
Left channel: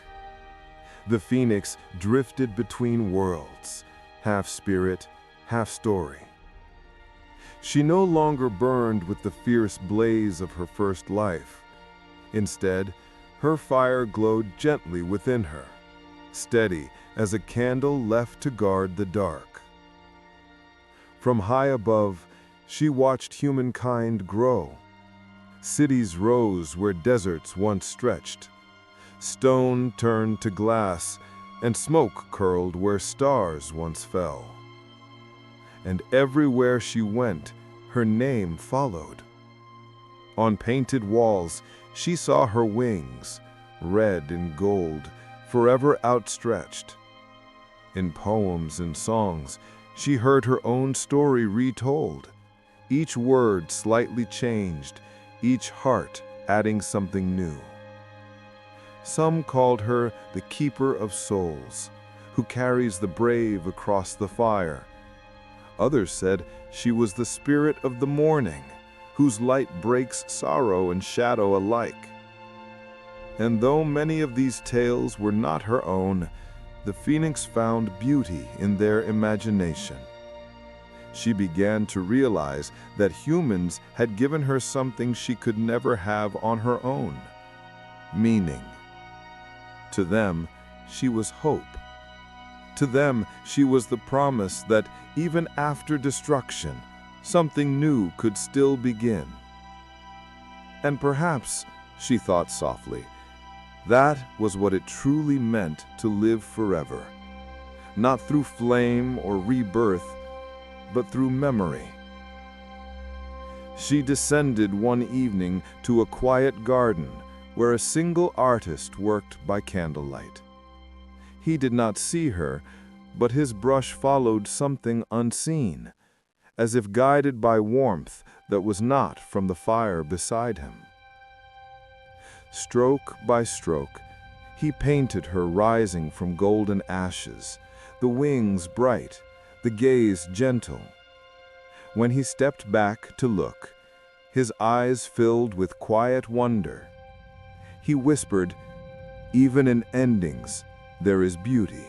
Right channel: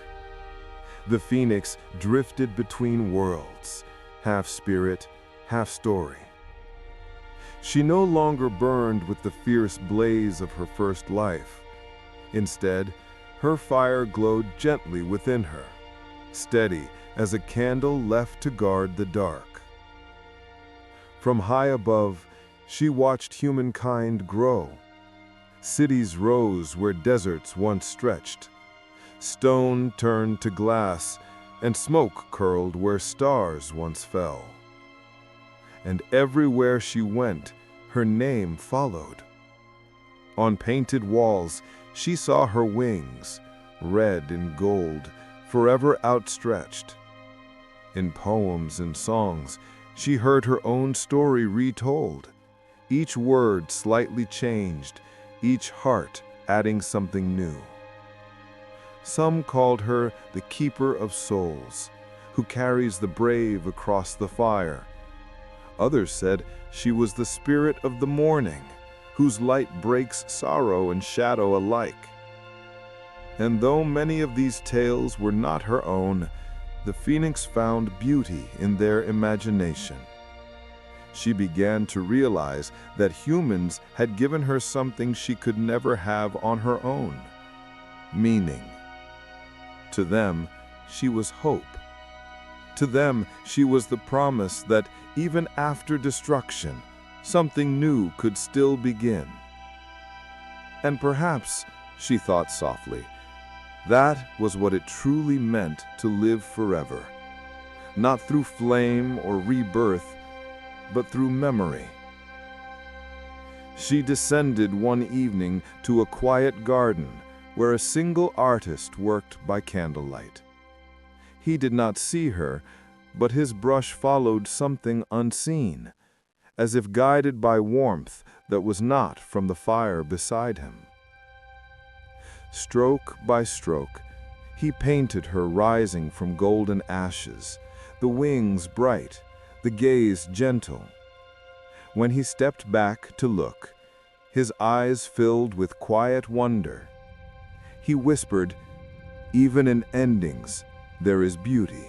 The phoenix drifted between worlds, half spirit, half story. She no longer burned with the fierce blaze of her first life. Instead, her fire glowed gently within her, steady as a candle left to guard the dark. From high above, she watched humankind grow. Cities rose where deserts once stretched. Stone turned to glass, and smoke curled where stars once fell. And everywhere she went, her name followed. On painted walls, she saw her wings, red and gold, forever outstretched. In poems and songs, she heard her own story retold, each word slightly changed, each heart adding something new. Some called her the keeper of souls, who carries the brave across the fire. Others said she was the spirit of the morning, whose light breaks sorrow and shadow alike. And though many of these tales were not her own, the phoenix found beauty in their imagination. She began to realize that humans had given her something she could never have on her own: meaning. To them, she was hope. To them, she was the promise that even after destruction, something new could still begin. And perhaps, she thought softly, that was what it truly meant to live forever. Not through flame or rebirth, but through memory. She descended one evening to a quiet garden where a single artist worked by candlelight. He did not see her, but his brush followed something unseen, as if guided by warmth that was not from the fire beside him. Stroke by stroke, he painted her rising from golden ashes, the wings bright, the gaze gentle. When he stepped back to look, his eyes filled with quiet wonder. He whispered, "Even in endings, there is beauty."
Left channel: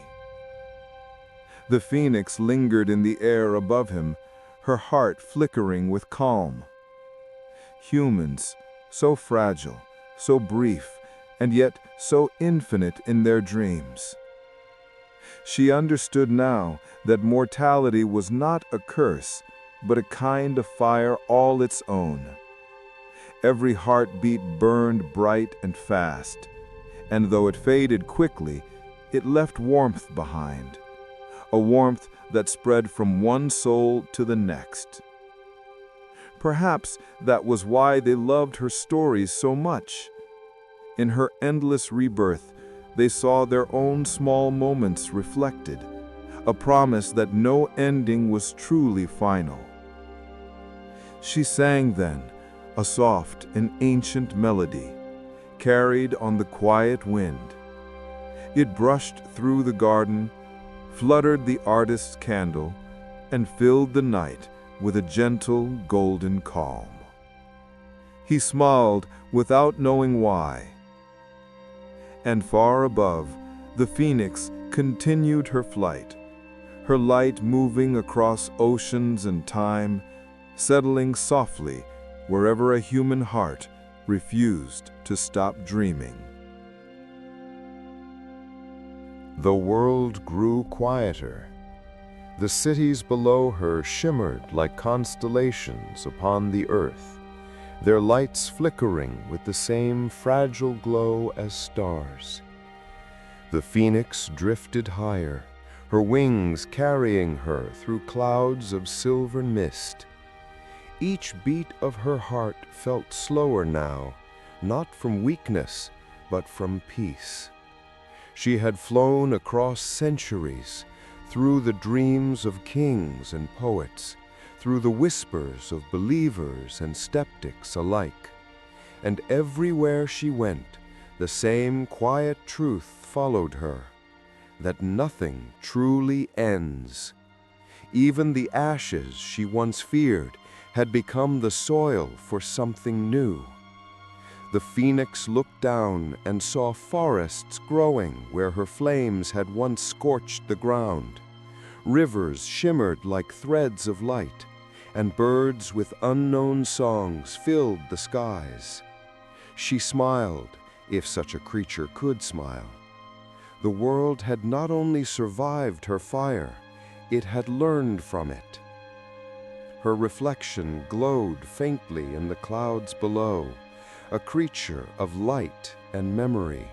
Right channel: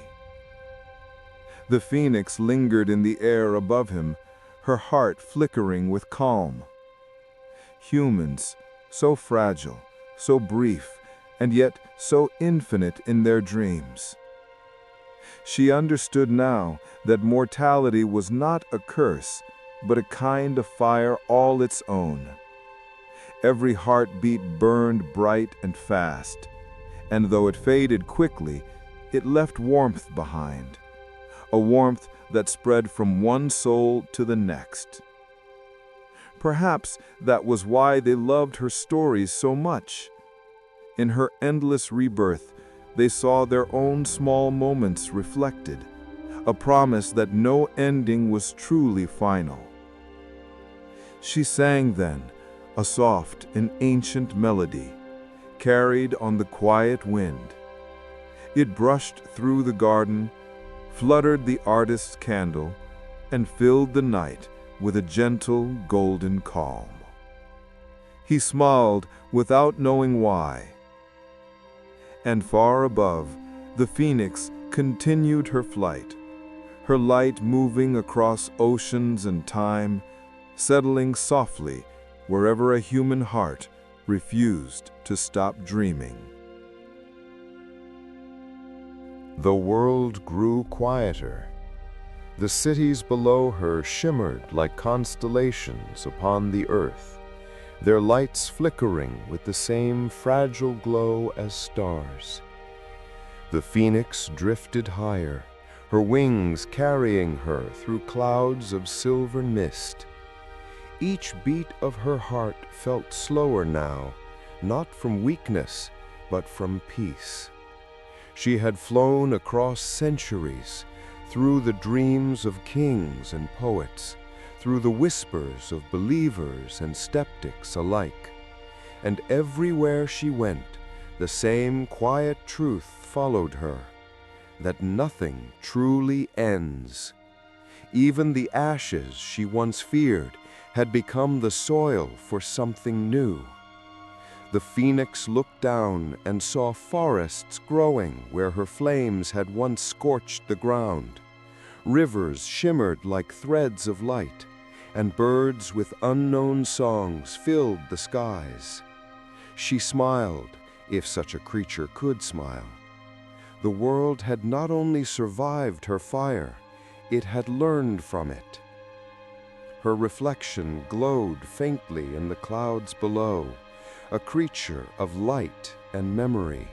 The phoenix lingered in the air above him, her heart flickering with calm. Humans, so fragile, so brief, and yet so infinite in their dreams. She understood now that mortality was not a curse, but a kind of fire all its own. Every heartbeat burned bright and fast, and though it faded quickly, it left warmth behind, a warmth that spread from one soul to the next. Perhaps that was why they loved her stories so much. In her endless rebirth, they saw their own small moments reflected, a promise that no ending was truly final. She sang then, a soft and ancient melody, carried on the quiet wind. It brushed through the garden, fluttered the artist's candle, and filled the night with a gentle golden calm. He smiled without knowing why. And far above, the phoenix continued her flight, her light moving across oceans and time, settling softly wherever a human heart refused to stop dreaming. The world grew quieter. The cities below her shimmered like constellations upon the earth, their lights flickering with the same fragile glow as stars. The phoenix drifted higher, her wings carrying her through clouds of silver mist. Each beat of her heart felt slower now, not from weakness, but from peace. She had flown across centuries, through the dreams of kings and poets, through the whispers of believers and skeptics alike. And everywhere she went, the same quiet truth followed her, that nothing truly ends. Even the ashes she once feared had become the soil for something new. The phoenix looked down and saw forests growing where her flames had once scorched the ground. Rivers shimmered like threads of light, and birds with unknown songs filled the skies. She smiled, if such a creature could smile. The world had not only survived her fire, it had learned from it. Her reflection glowed faintly in the clouds below, a creature of light and memory.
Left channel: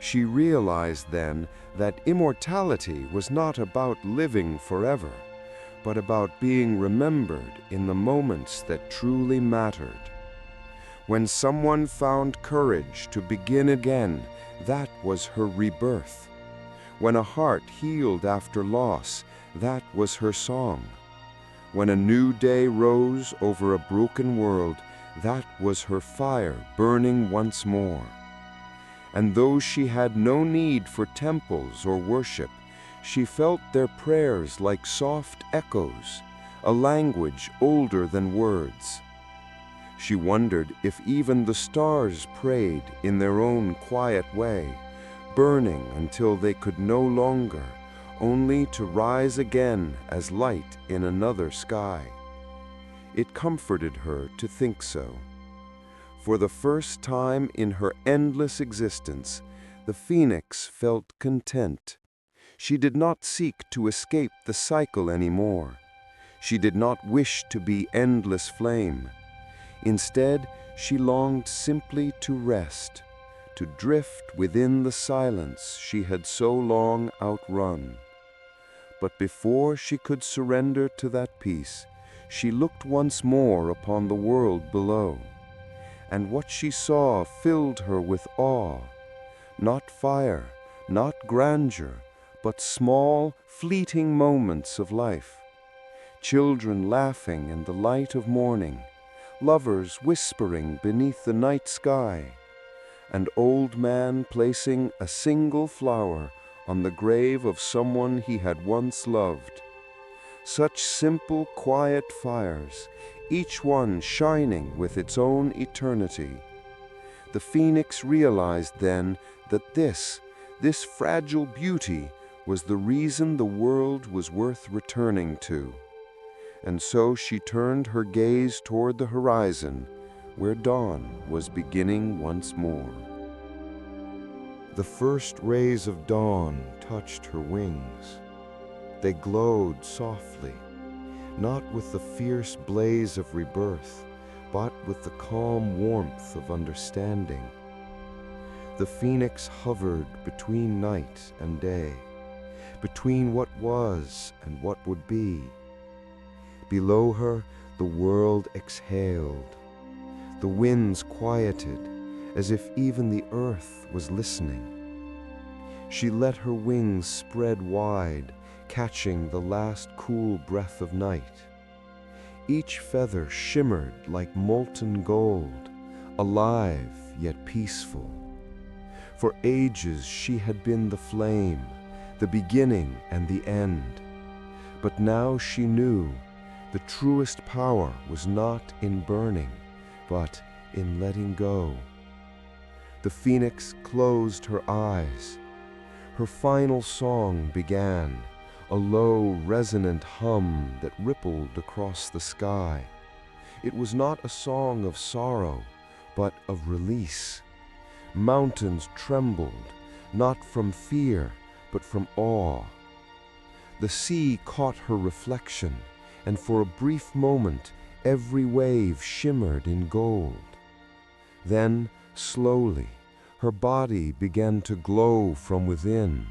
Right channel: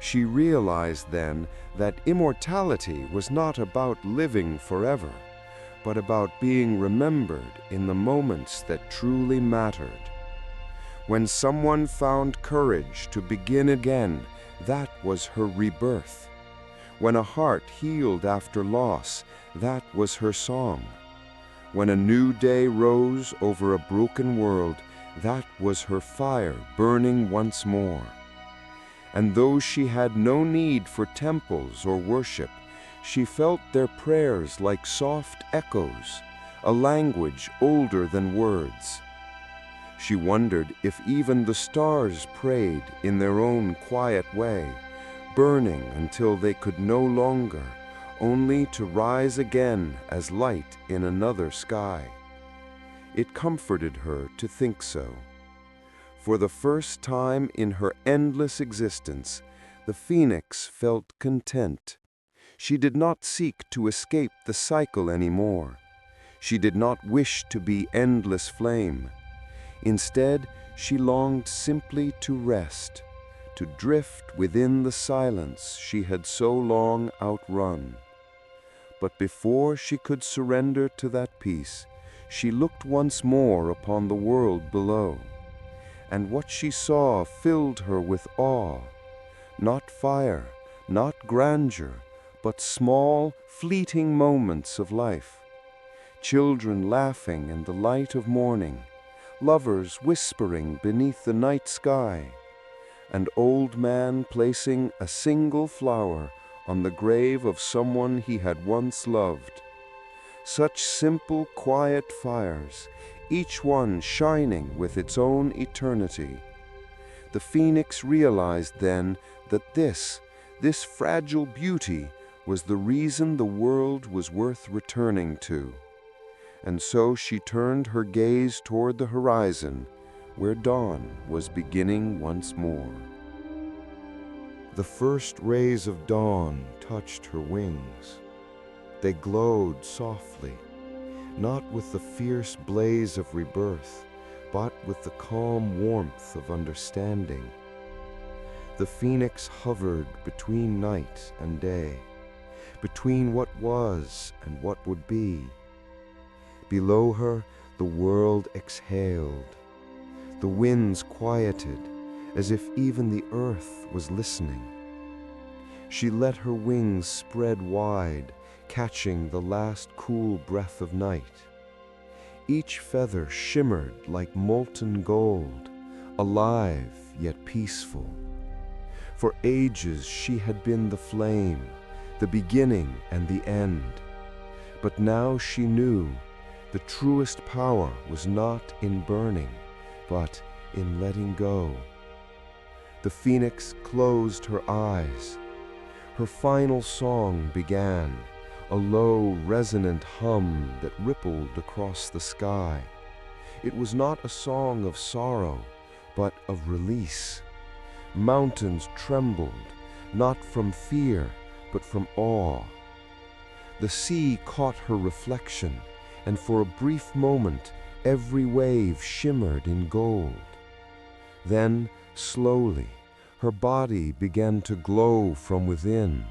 She realized then that immortality was not about living forever, but about being remembered in the moments that truly mattered. When someone found courage to begin again, that was her rebirth. When a heart healed after loss, that was her song. When a new day rose over a broken world, that was her fire burning once more. And though she had no need for temples or worship, she felt their prayers like soft echoes, a language older than words. She wondered if even the stars prayed in their own quiet way, burning until they could no longer, only to rise again as light in another sky. It comforted her to think so. For the first time in her endless existence, the phoenix felt content. She did not seek to escape the cycle anymore. She did not wish to be endless flame. Instead, she longed simply to rest, to drift within the silence she had so long outrun. But before she could surrender to that peace, she looked once more upon the world below. And what she saw filled her with awe. Not fire, not grandeur, but small, fleeting moments of life. Children laughing in the light of morning, lovers whispering beneath the night sky, an old man placing a single flower on the grave of someone he had once loved. Such simple, quiet fires, each one shining with its own eternity. The phoenix realized then that this fragile beauty was the reason the world was worth returning to. And so she turned her gaze toward the horizon, where dawn was beginning once more. The first rays of dawn touched her wings. They glowed softly, not with the fierce blaze of rebirth, but with the calm warmth of understanding. The phoenix hovered between night and day, between what was and what would be. Below her, the world exhaled. The winds quieted, as if even the earth was listening. She let her wings spread wide, catching the last cool breath of night. Each feather shimmered like molten gold, alive yet peaceful. For ages she had been the flame, the beginning and the end. But now she knew the truest power was not in burning, but in letting go. The phoenix closed her eyes. Her final song began, a low, resonant hum that rippled across the sky. It was not a song of sorrow, but of release. Mountains trembled, not from fear, but from awe. The sea caught her reflection, and for a brief moment, every wave shimmered in gold. Then, slowly, her body began to glow from within.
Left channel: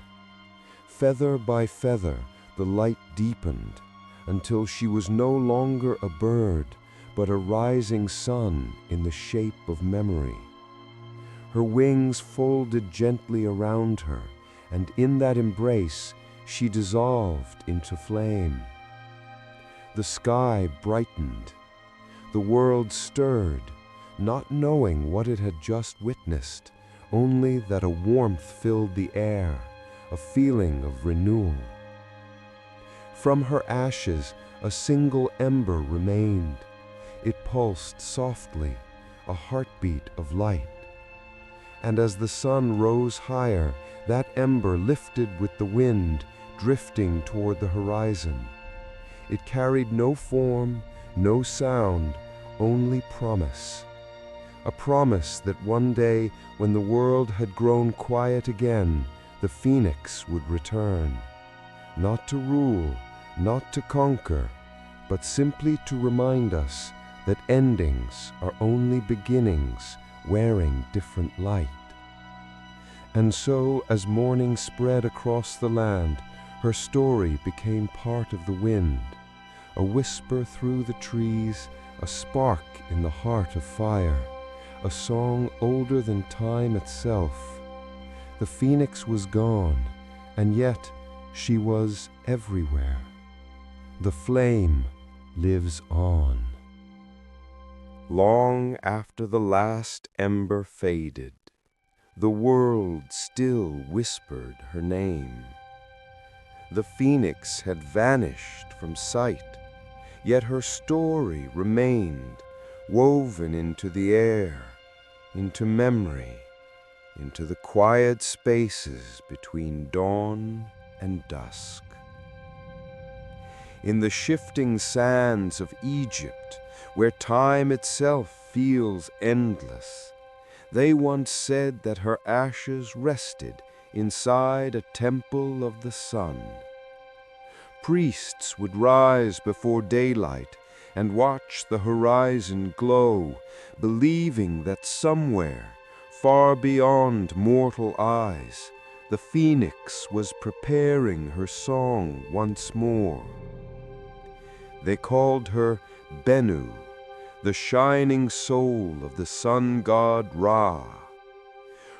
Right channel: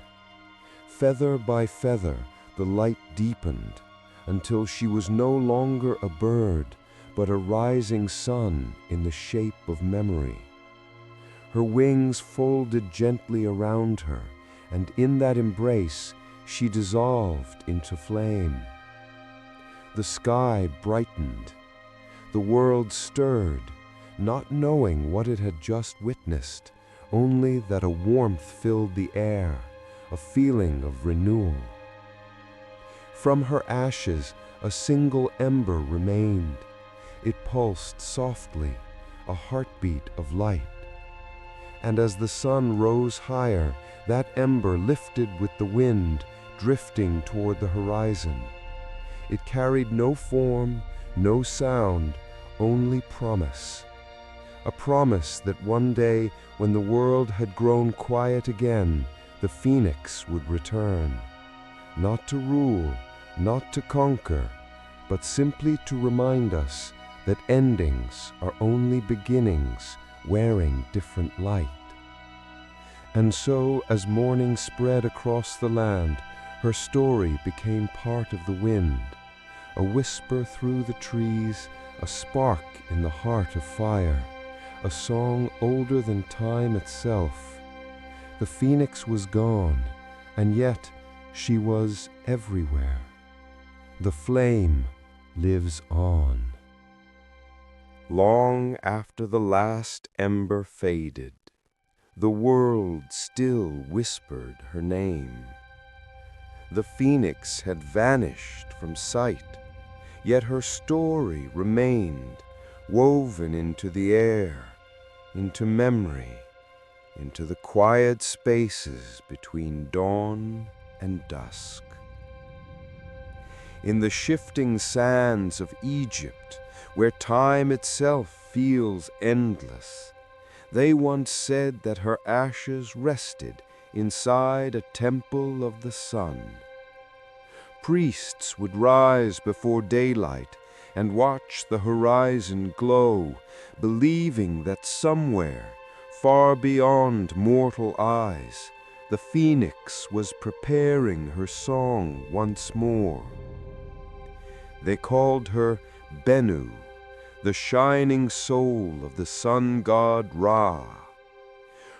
Feather by feather, the light deepened, until she was no longer a bird, but a rising sun in the shape of memory. Her wings folded gently around her, and in that embrace, she dissolved into flame. The sky brightened. The world stirred, not knowing what it had just witnessed, only that a warmth filled the air, a feeling of renewal. From her ashes, a single ember remained. It pulsed softly, a heartbeat of light. And as the sun rose higher, that ember lifted with the wind, drifting toward the horizon. It carried no form, no sound, only promise. A promise that one day, when the world had grown quiet again, the phoenix would return. Not to rule, not to conquer, but simply to remind us that endings are only beginnings wearing different light. And so, as morning spread across the land, her story became part of the wind, a whisper through the trees, a spark in the heart of fire, a song older than time itself. The phoenix was gone, and yet she was everywhere. The flame lives on. Long after the last ember faded, the world still whispered her name. The phoenix had vanished from sight, yet her story remained, woven into the air, into memory, into the quiet spaces between dawn and dusk. In the shifting sands of Egypt, where time itself feels endless, they once said that her ashes rested inside a temple of the sun. Priests would rise before daylight and watch the horizon glow, believing that somewhere, far beyond mortal eyes, the phoenix was preparing her song once more. They called her Bennu, the shining soul of the sun god Ra.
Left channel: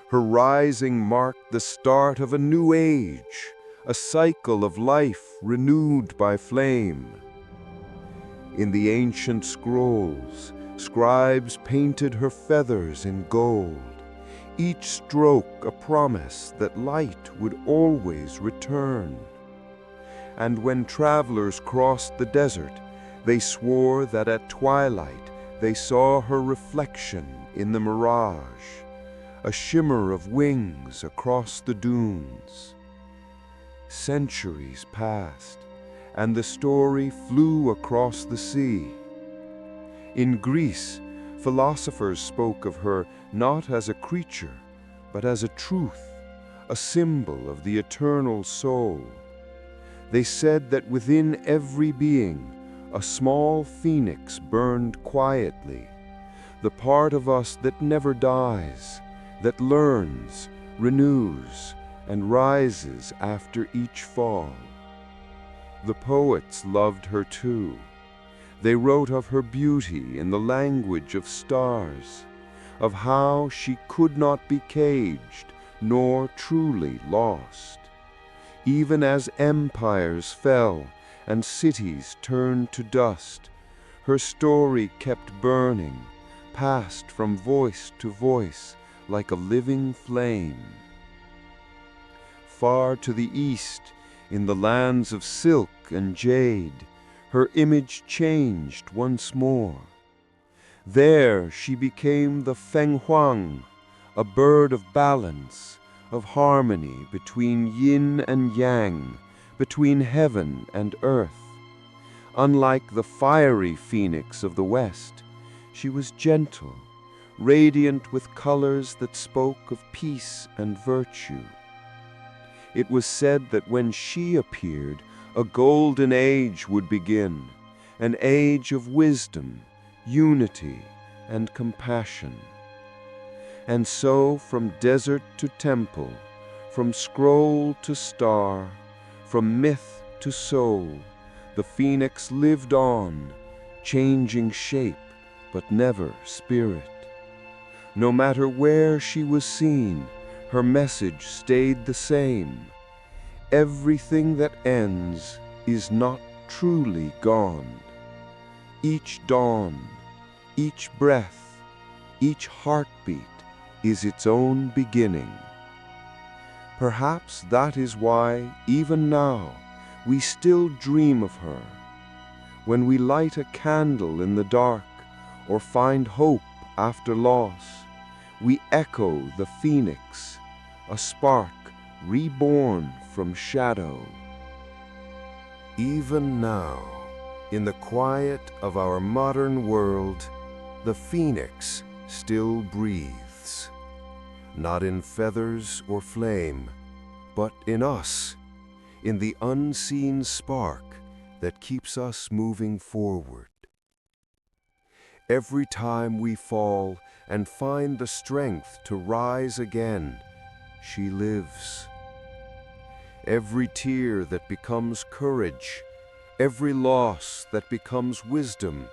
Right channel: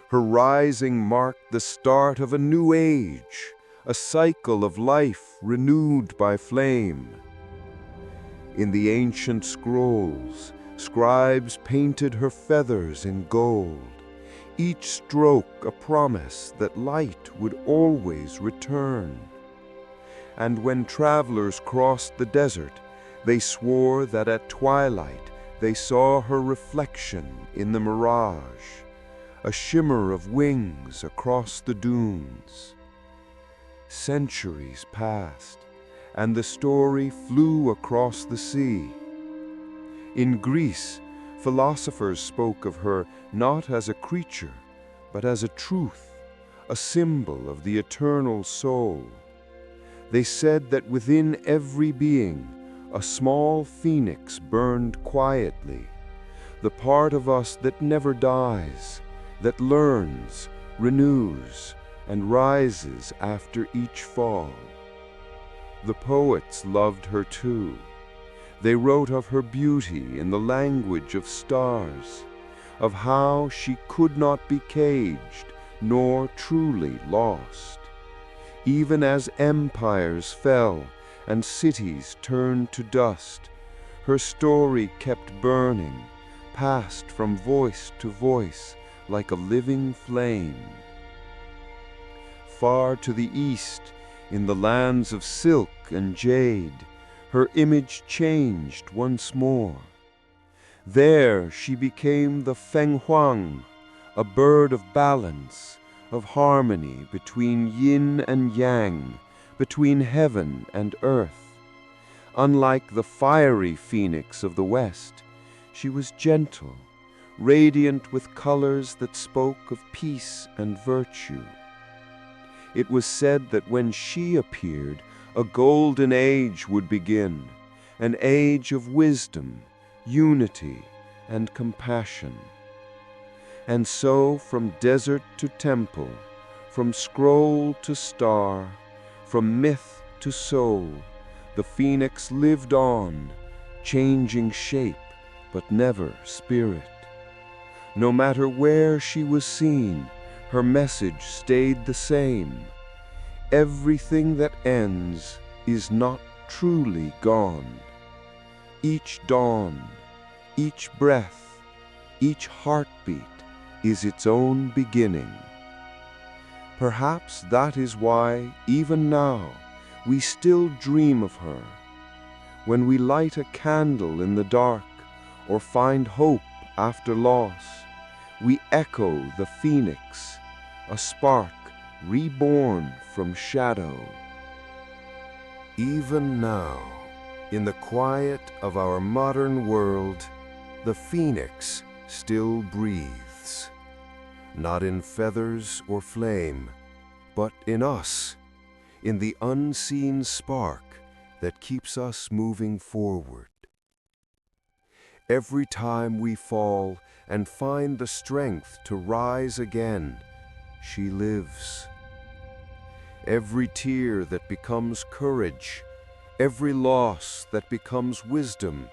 Her rising marked the start of a new age, a cycle of life renewed by flame. In the ancient scrolls, scribes painted her feathers in gold, each stroke a promise that light would always return. And when travelers crossed the desert, they swore that at twilight they saw her reflection in the mirage, a shimmer of wings across the dunes. Centuries passed, and the story flew across the sea. In Greece, philosophers spoke of her not as a creature, but as a truth, a symbol of the eternal soul. They said that within every being, a small phoenix burned quietly, the part of us that never dies, that learns, renews, and rises after each fall. The poets loved her too. They wrote of her beauty in the language of stars, of how she could not be caged nor truly lost. Even as empires fell and cities turned to dust, her story kept burning, passed from voice to voice like a living flame. Far to the east, in the lands of silk and jade, her image changed once more. There she became the Feng Huang, a bird of balance, of harmony between yin and yang, between heaven and earth. Unlike the fiery phoenix of the West, she was gentle, radiant with colors that spoke of peace and virtue. It was said that when she appeared, a golden age would begin, an age of wisdom, unity, and compassion. And so, from desert to temple, from scroll to star, from myth to soul, the phoenix lived on, changing shape, but never spirit. No matter where she was seen, her message stayed the same. Everything that ends is not truly gone. Each dawn, each breath, each heartbeat is its own beginning. Perhaps that is why, even now, we still dream of her. When we light a candle in the dark or find hope after loss, we echo the phoenix, a spark reborn from shadow. Even now, in the quiet of our modern world, the phoenix still breathes. Not in feathers or flame, but in us, in the unseen spark that keeps us moving forward. Every time we fall and find the strength to rise again, she lives. Every tear that becomes courage, every loss that becomes wisdom,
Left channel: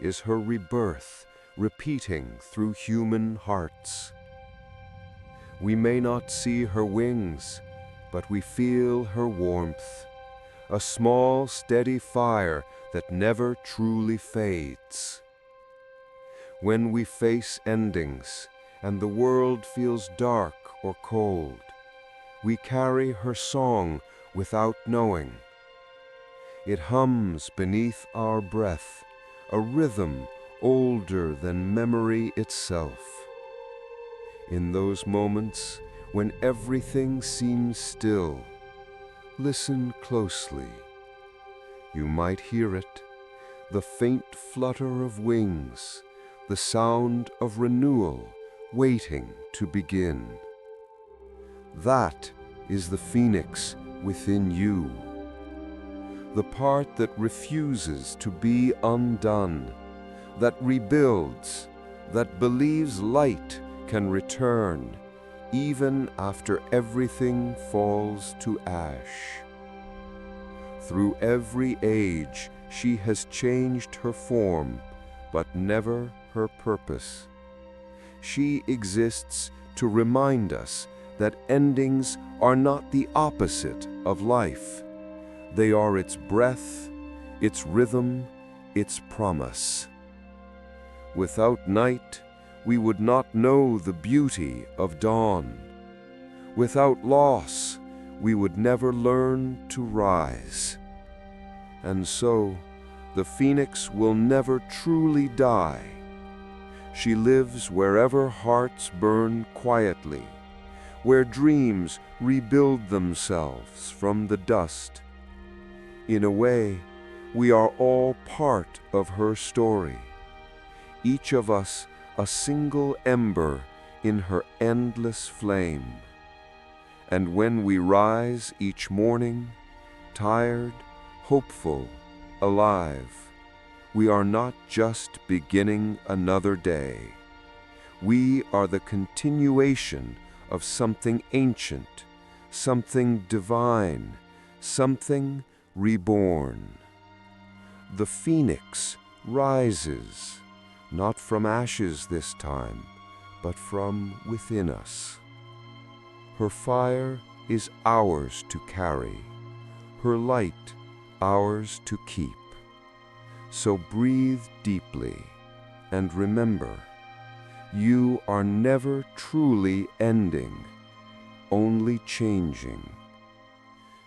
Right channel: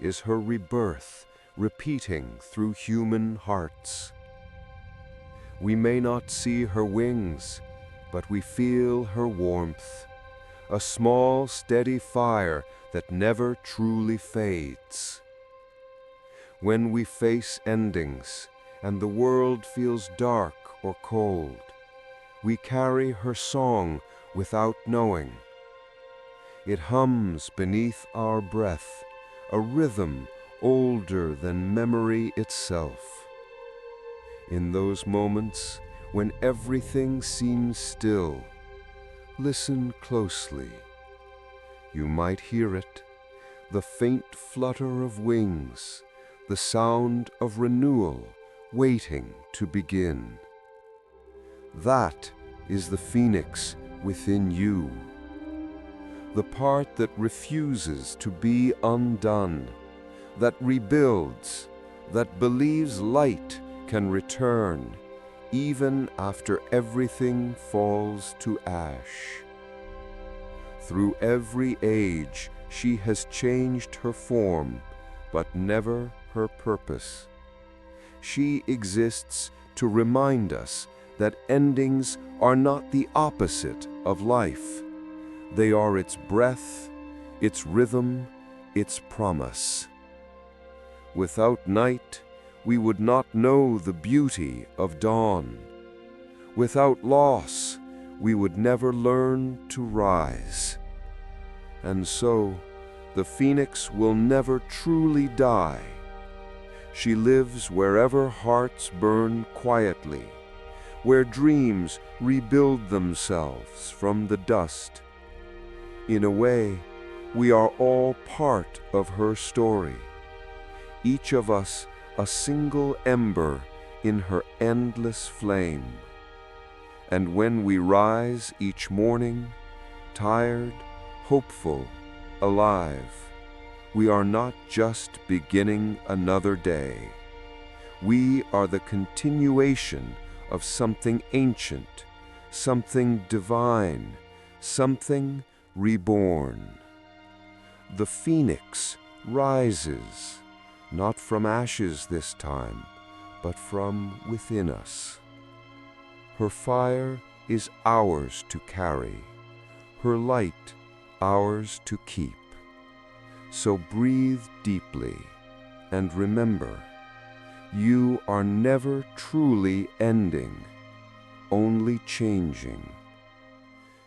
is her rebirth repeating through human hearts. We may not see her wings, but we feel her warmth, a small, steady fire that never truly fades. When we face endings and the world feels dark or cold, we carry her song without knowing. It hums beneath our breath, a rhythm older than memory itself. In those moments when everything seems still, listen closely. You might hear it, the faint flutter of wings, the sound of renewal waiting to begin. That is the phoenix within you, the part that refuses to be undone, that rebuilds, that believes light can return even after everything falls to ash. Through every age she has changed her form, but never her purpose. She exists to remind us that endings are not the opposite of life. They are its breath, its rhythm, its promise. Without night, we would not know the beauty of dawn. Without loss, we would never learn to rise. And so, the phoenix will never truly die. She lives wherever hearts burn quietly, where dreams rebuild themselves from the dust. In a way, we are all part of her story, each of us a single ember in her endless flame. And when we rise each morning, tired, hopeful, alive, we are not just beginning another day. We are the continuation of something ancient, something divine, something reborn. The phoenix rises, not from ashes this time, but from within us. Her fire is ours to carry, her light ours to keep. So breathe deeply and remember, you are never truly ending, only changing.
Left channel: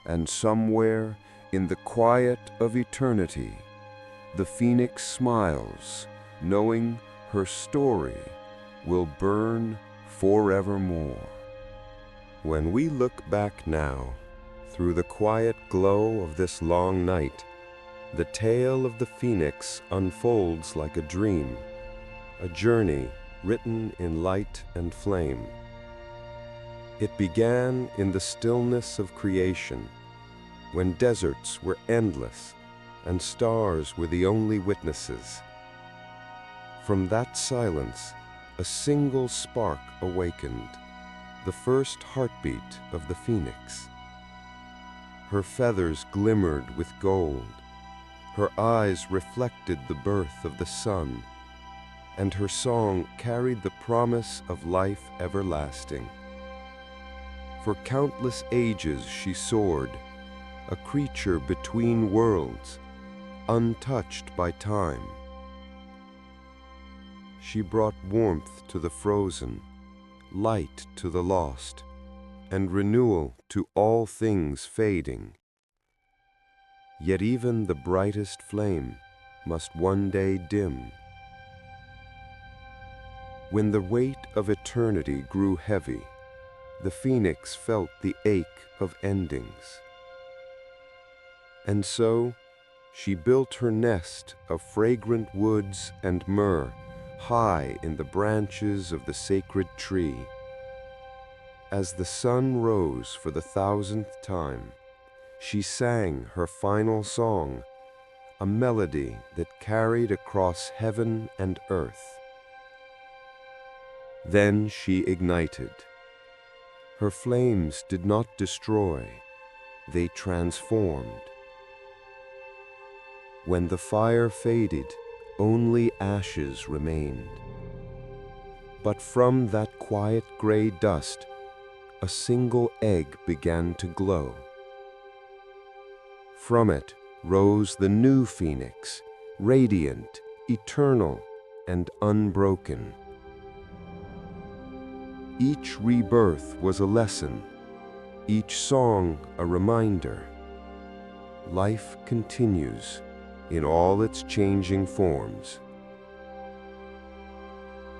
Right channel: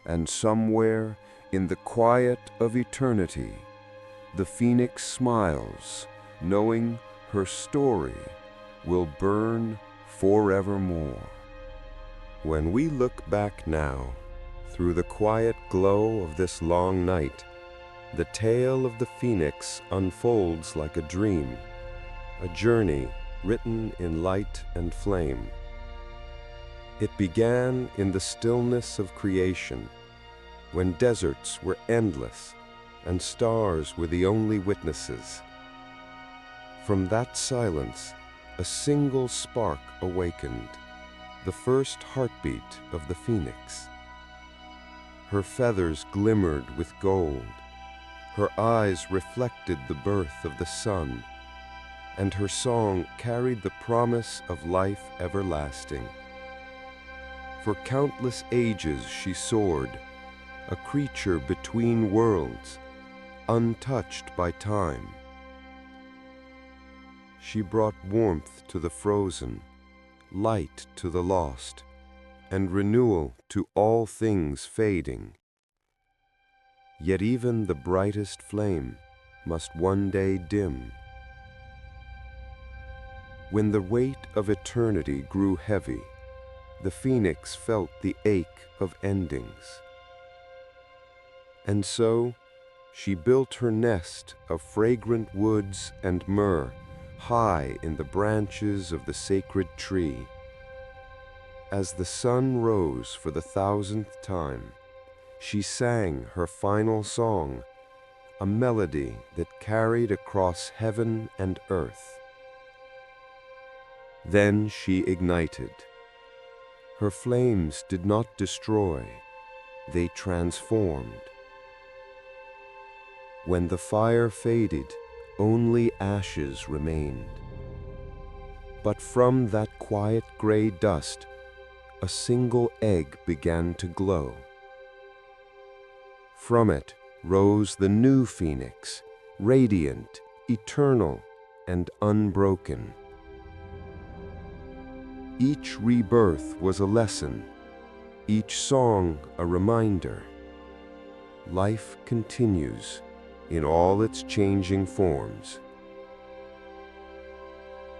And somewhere in the quiet of eternity, the phoenix smiles, knowing her story will burn forevermore. When we look back now, through the quiet glow of this long night, the tale of the phoenix unfolds like a dream, a journey written in light and flame. It began in the stillness of creation, when deserts were endless and stars were the only witnesses. From that silence, a single spark awakened, the first heartbeat of the phoenix. Her feathers glimmered with gold, her eyes reflected the birth of the sun, and her song carried the promise of life everlasting. For countless ages she soared, a creature between worlds, untouched by time. She brought warmth to the frozen, light to the lost, and renewal to all things fading. Yet even the brightest flame must one day dim. When the weight of eternity grew heavy, the phoenix felt the ache of endings. And so, she built her nest of fragrant woods and myrrh high in the branches of the sacred tree. As the sun rose for the 1000th time, she sang her final song, a melody that carried across heaven and earth. Then she ignited. Her flames did not destroy, they transformed. When the fire faded, only ashes remained. But from that quiet gray dust, a single egg began to glow. From it rose the new phoenix, radiant, eternal, and unbroken. Each rebirth was a lesson, each song a reminder. Life continues in all its changing forms.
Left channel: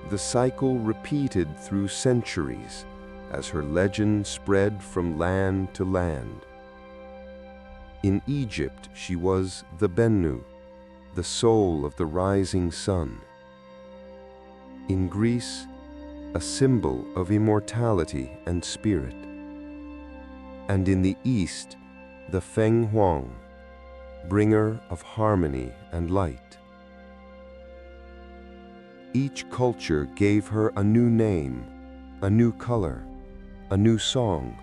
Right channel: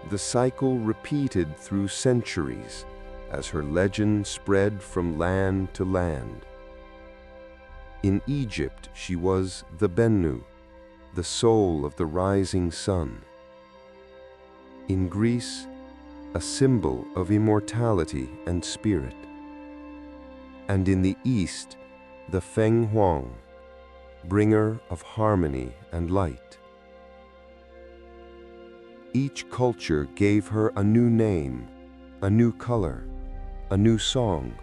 The cycle repeated through centuries as her legend spread from land to land. In Egypt she was the Bennu, the soul of the rising sun. In Greece, a symbol of immortality and spirit. And in the East, the Feng Huang, bringer of harmony and light. Each culture gave her a new name, a new color, a new song,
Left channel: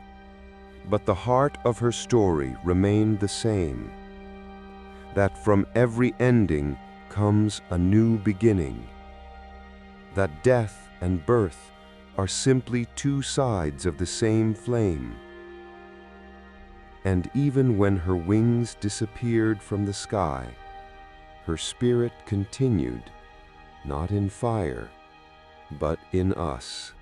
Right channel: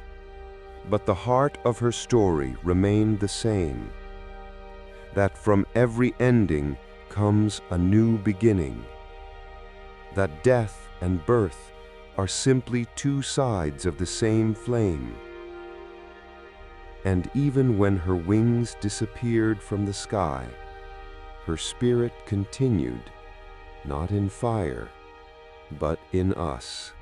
but the heart of her story remained the same, that from every ending comes a new beginning, that death and birth are simply two sides of the same flame. And even when her wings disappeared from the sky, her spirit continued, not in fire, but in us.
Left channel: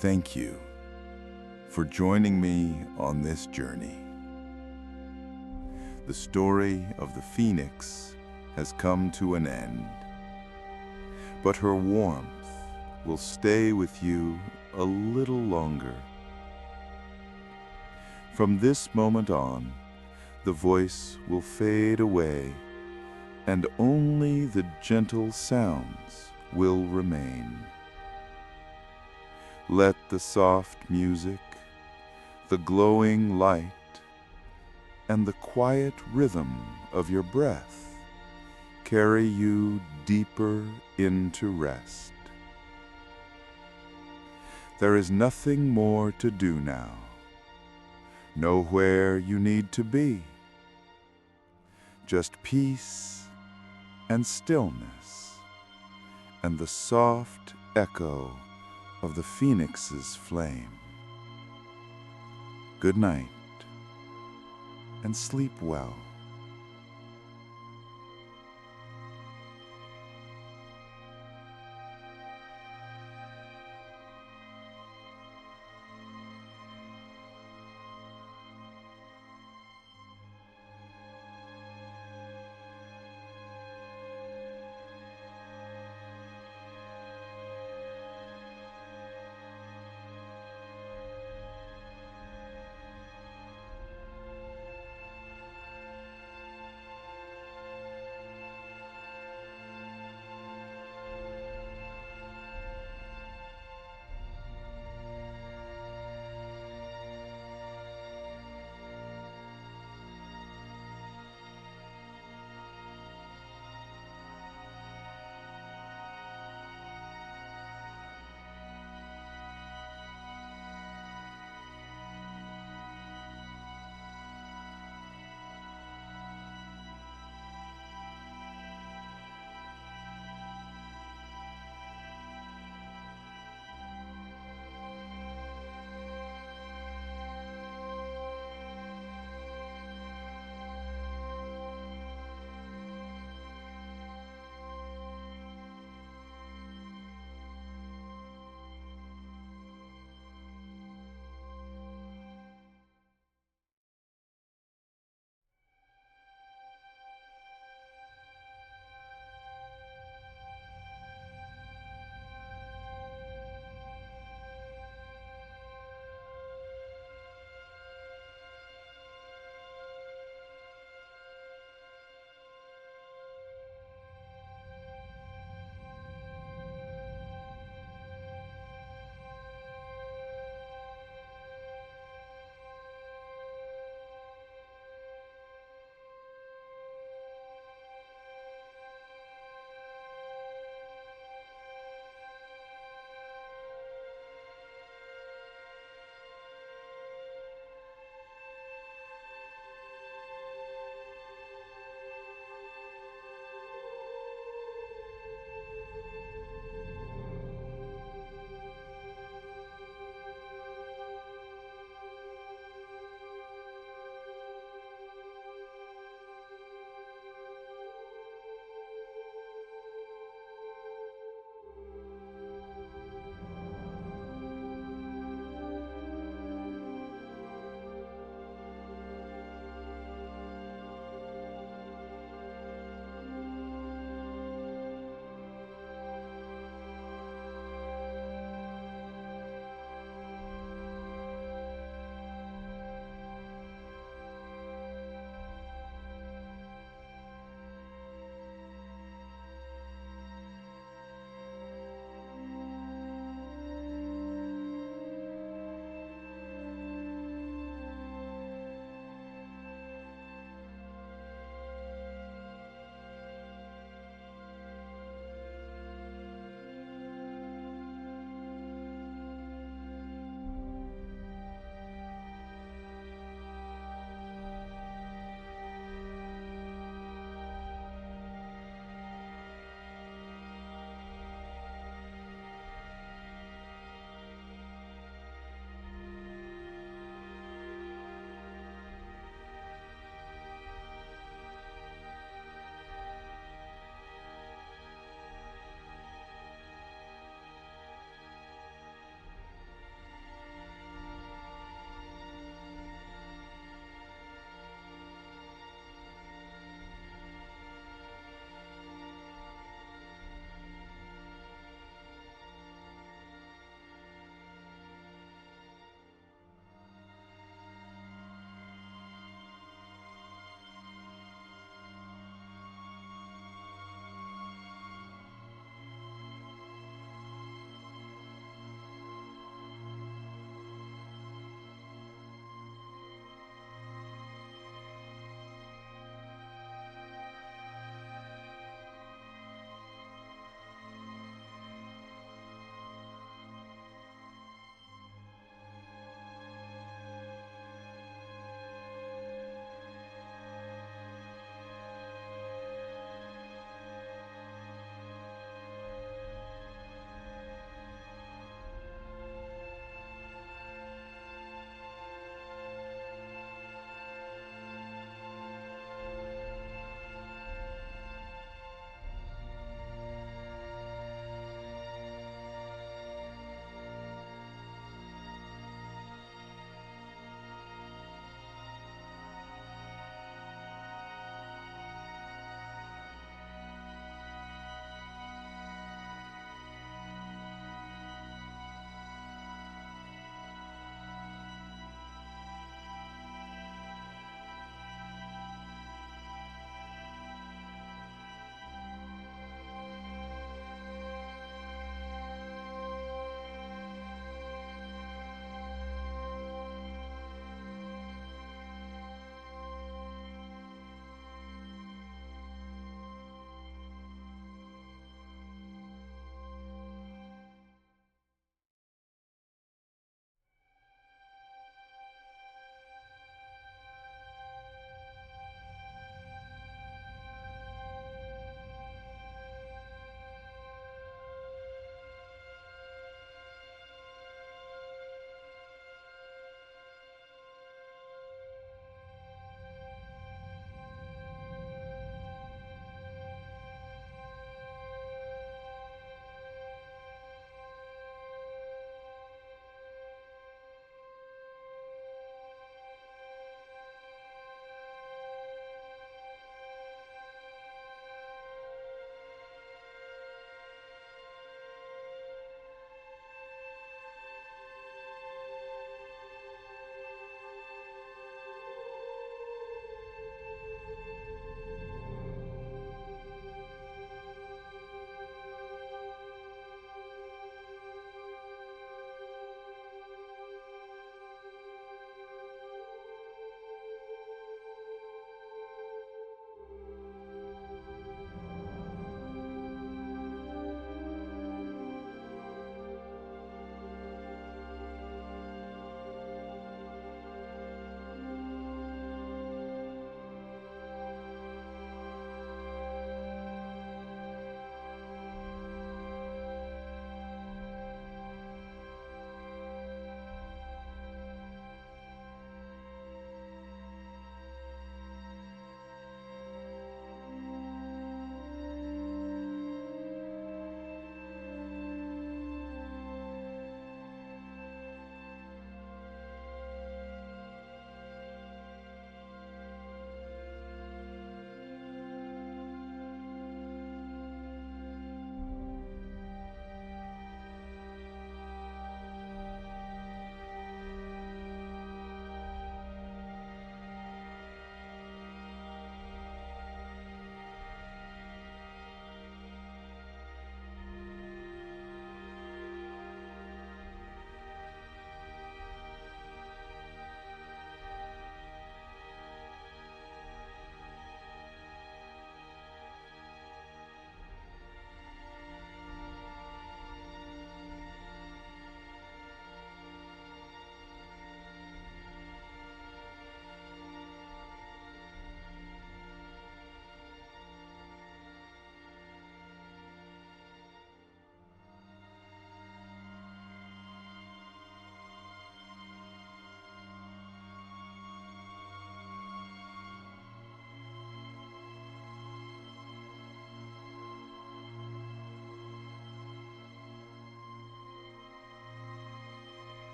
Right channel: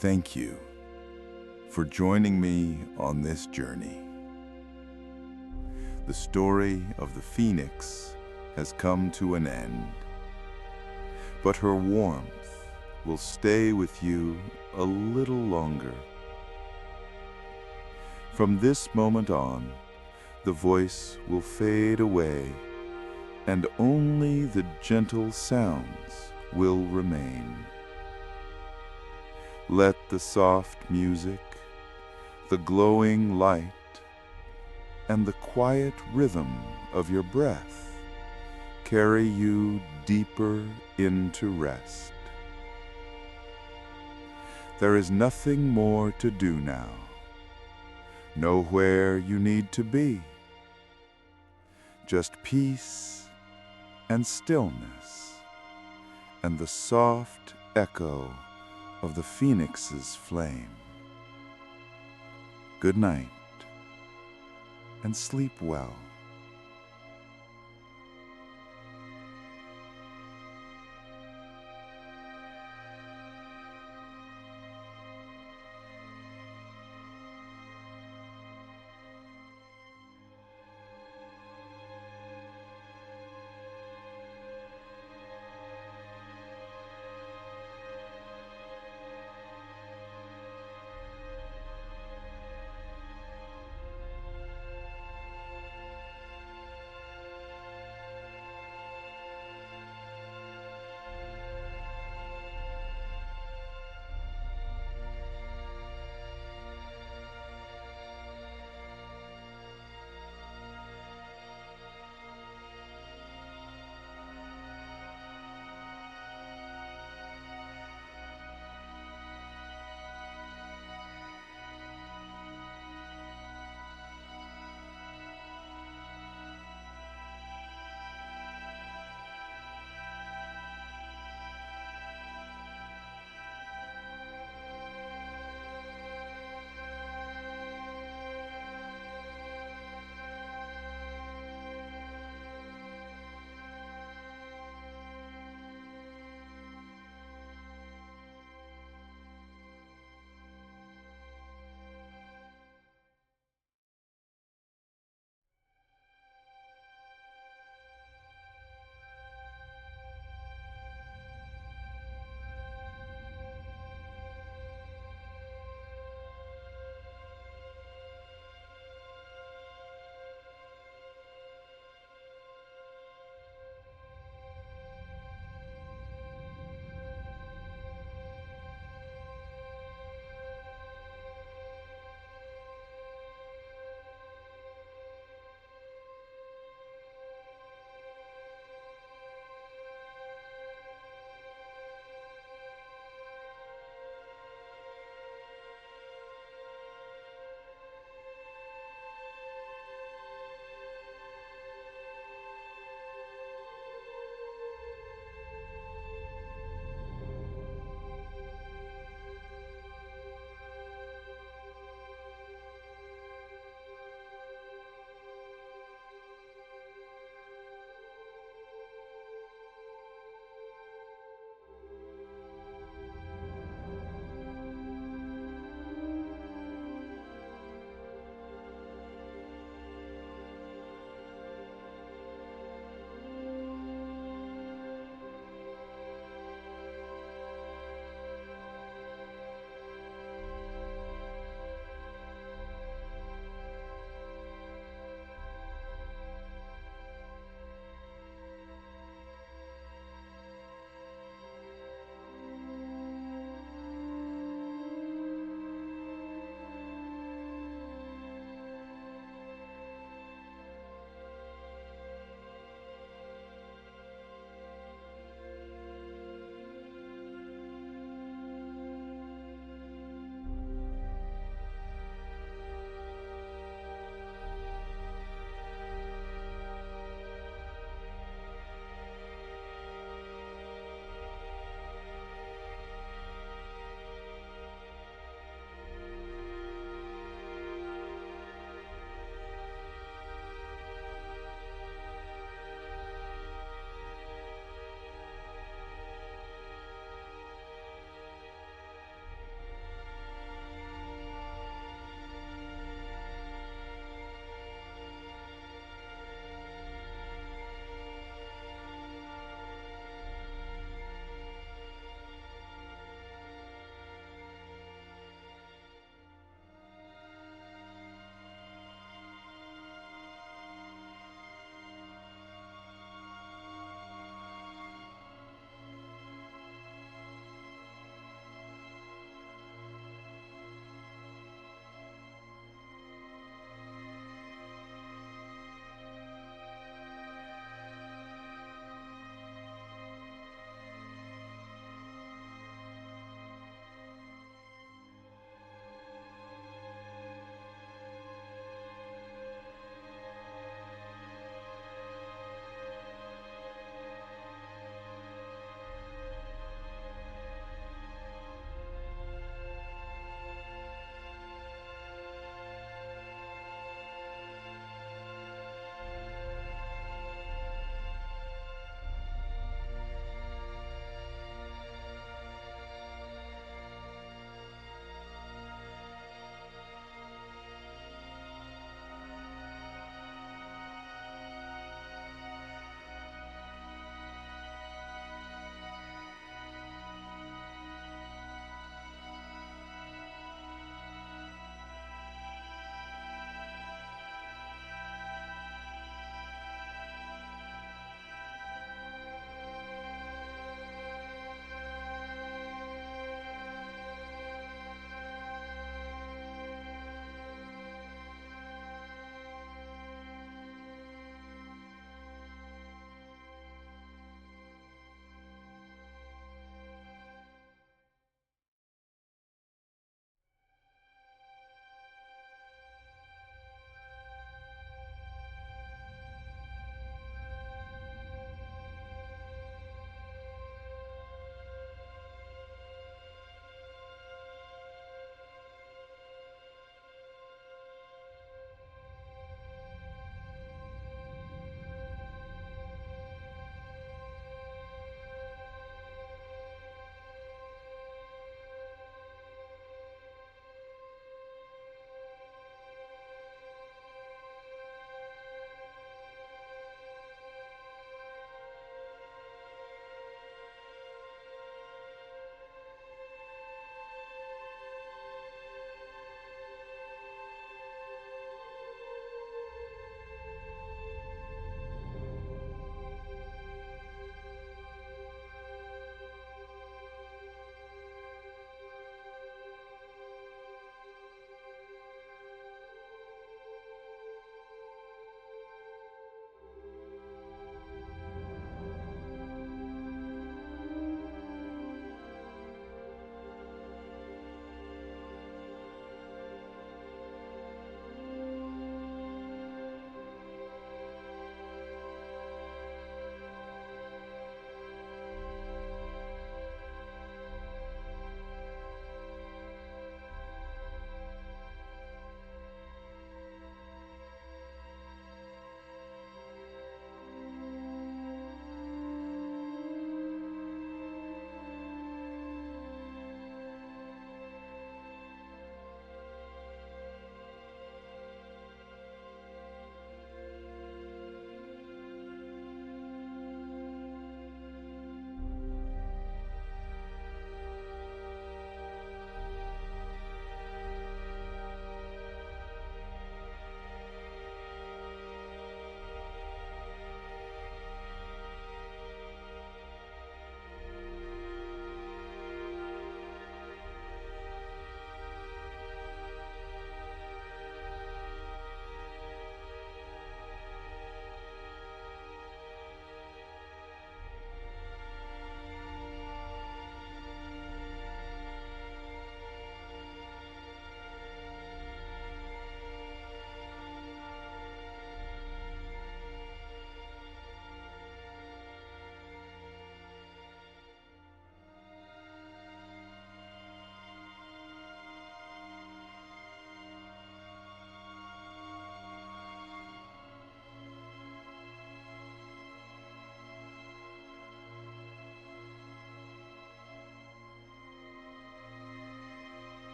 Thank you for joining me on this journey. The story of the phoenix has come to an end, but her warmth will stay with you a little longer. From this moment on, the voice will fade away, and only the gentle sounds will remain. Let the soft music, the glowing light, and the quiet rhythm of your breath carry you deeper into rest. There is nothing more to do now. Know where you need to be. Just peace and stillness, and the soft echo of the phoenix's flame. Good night, and sleep well.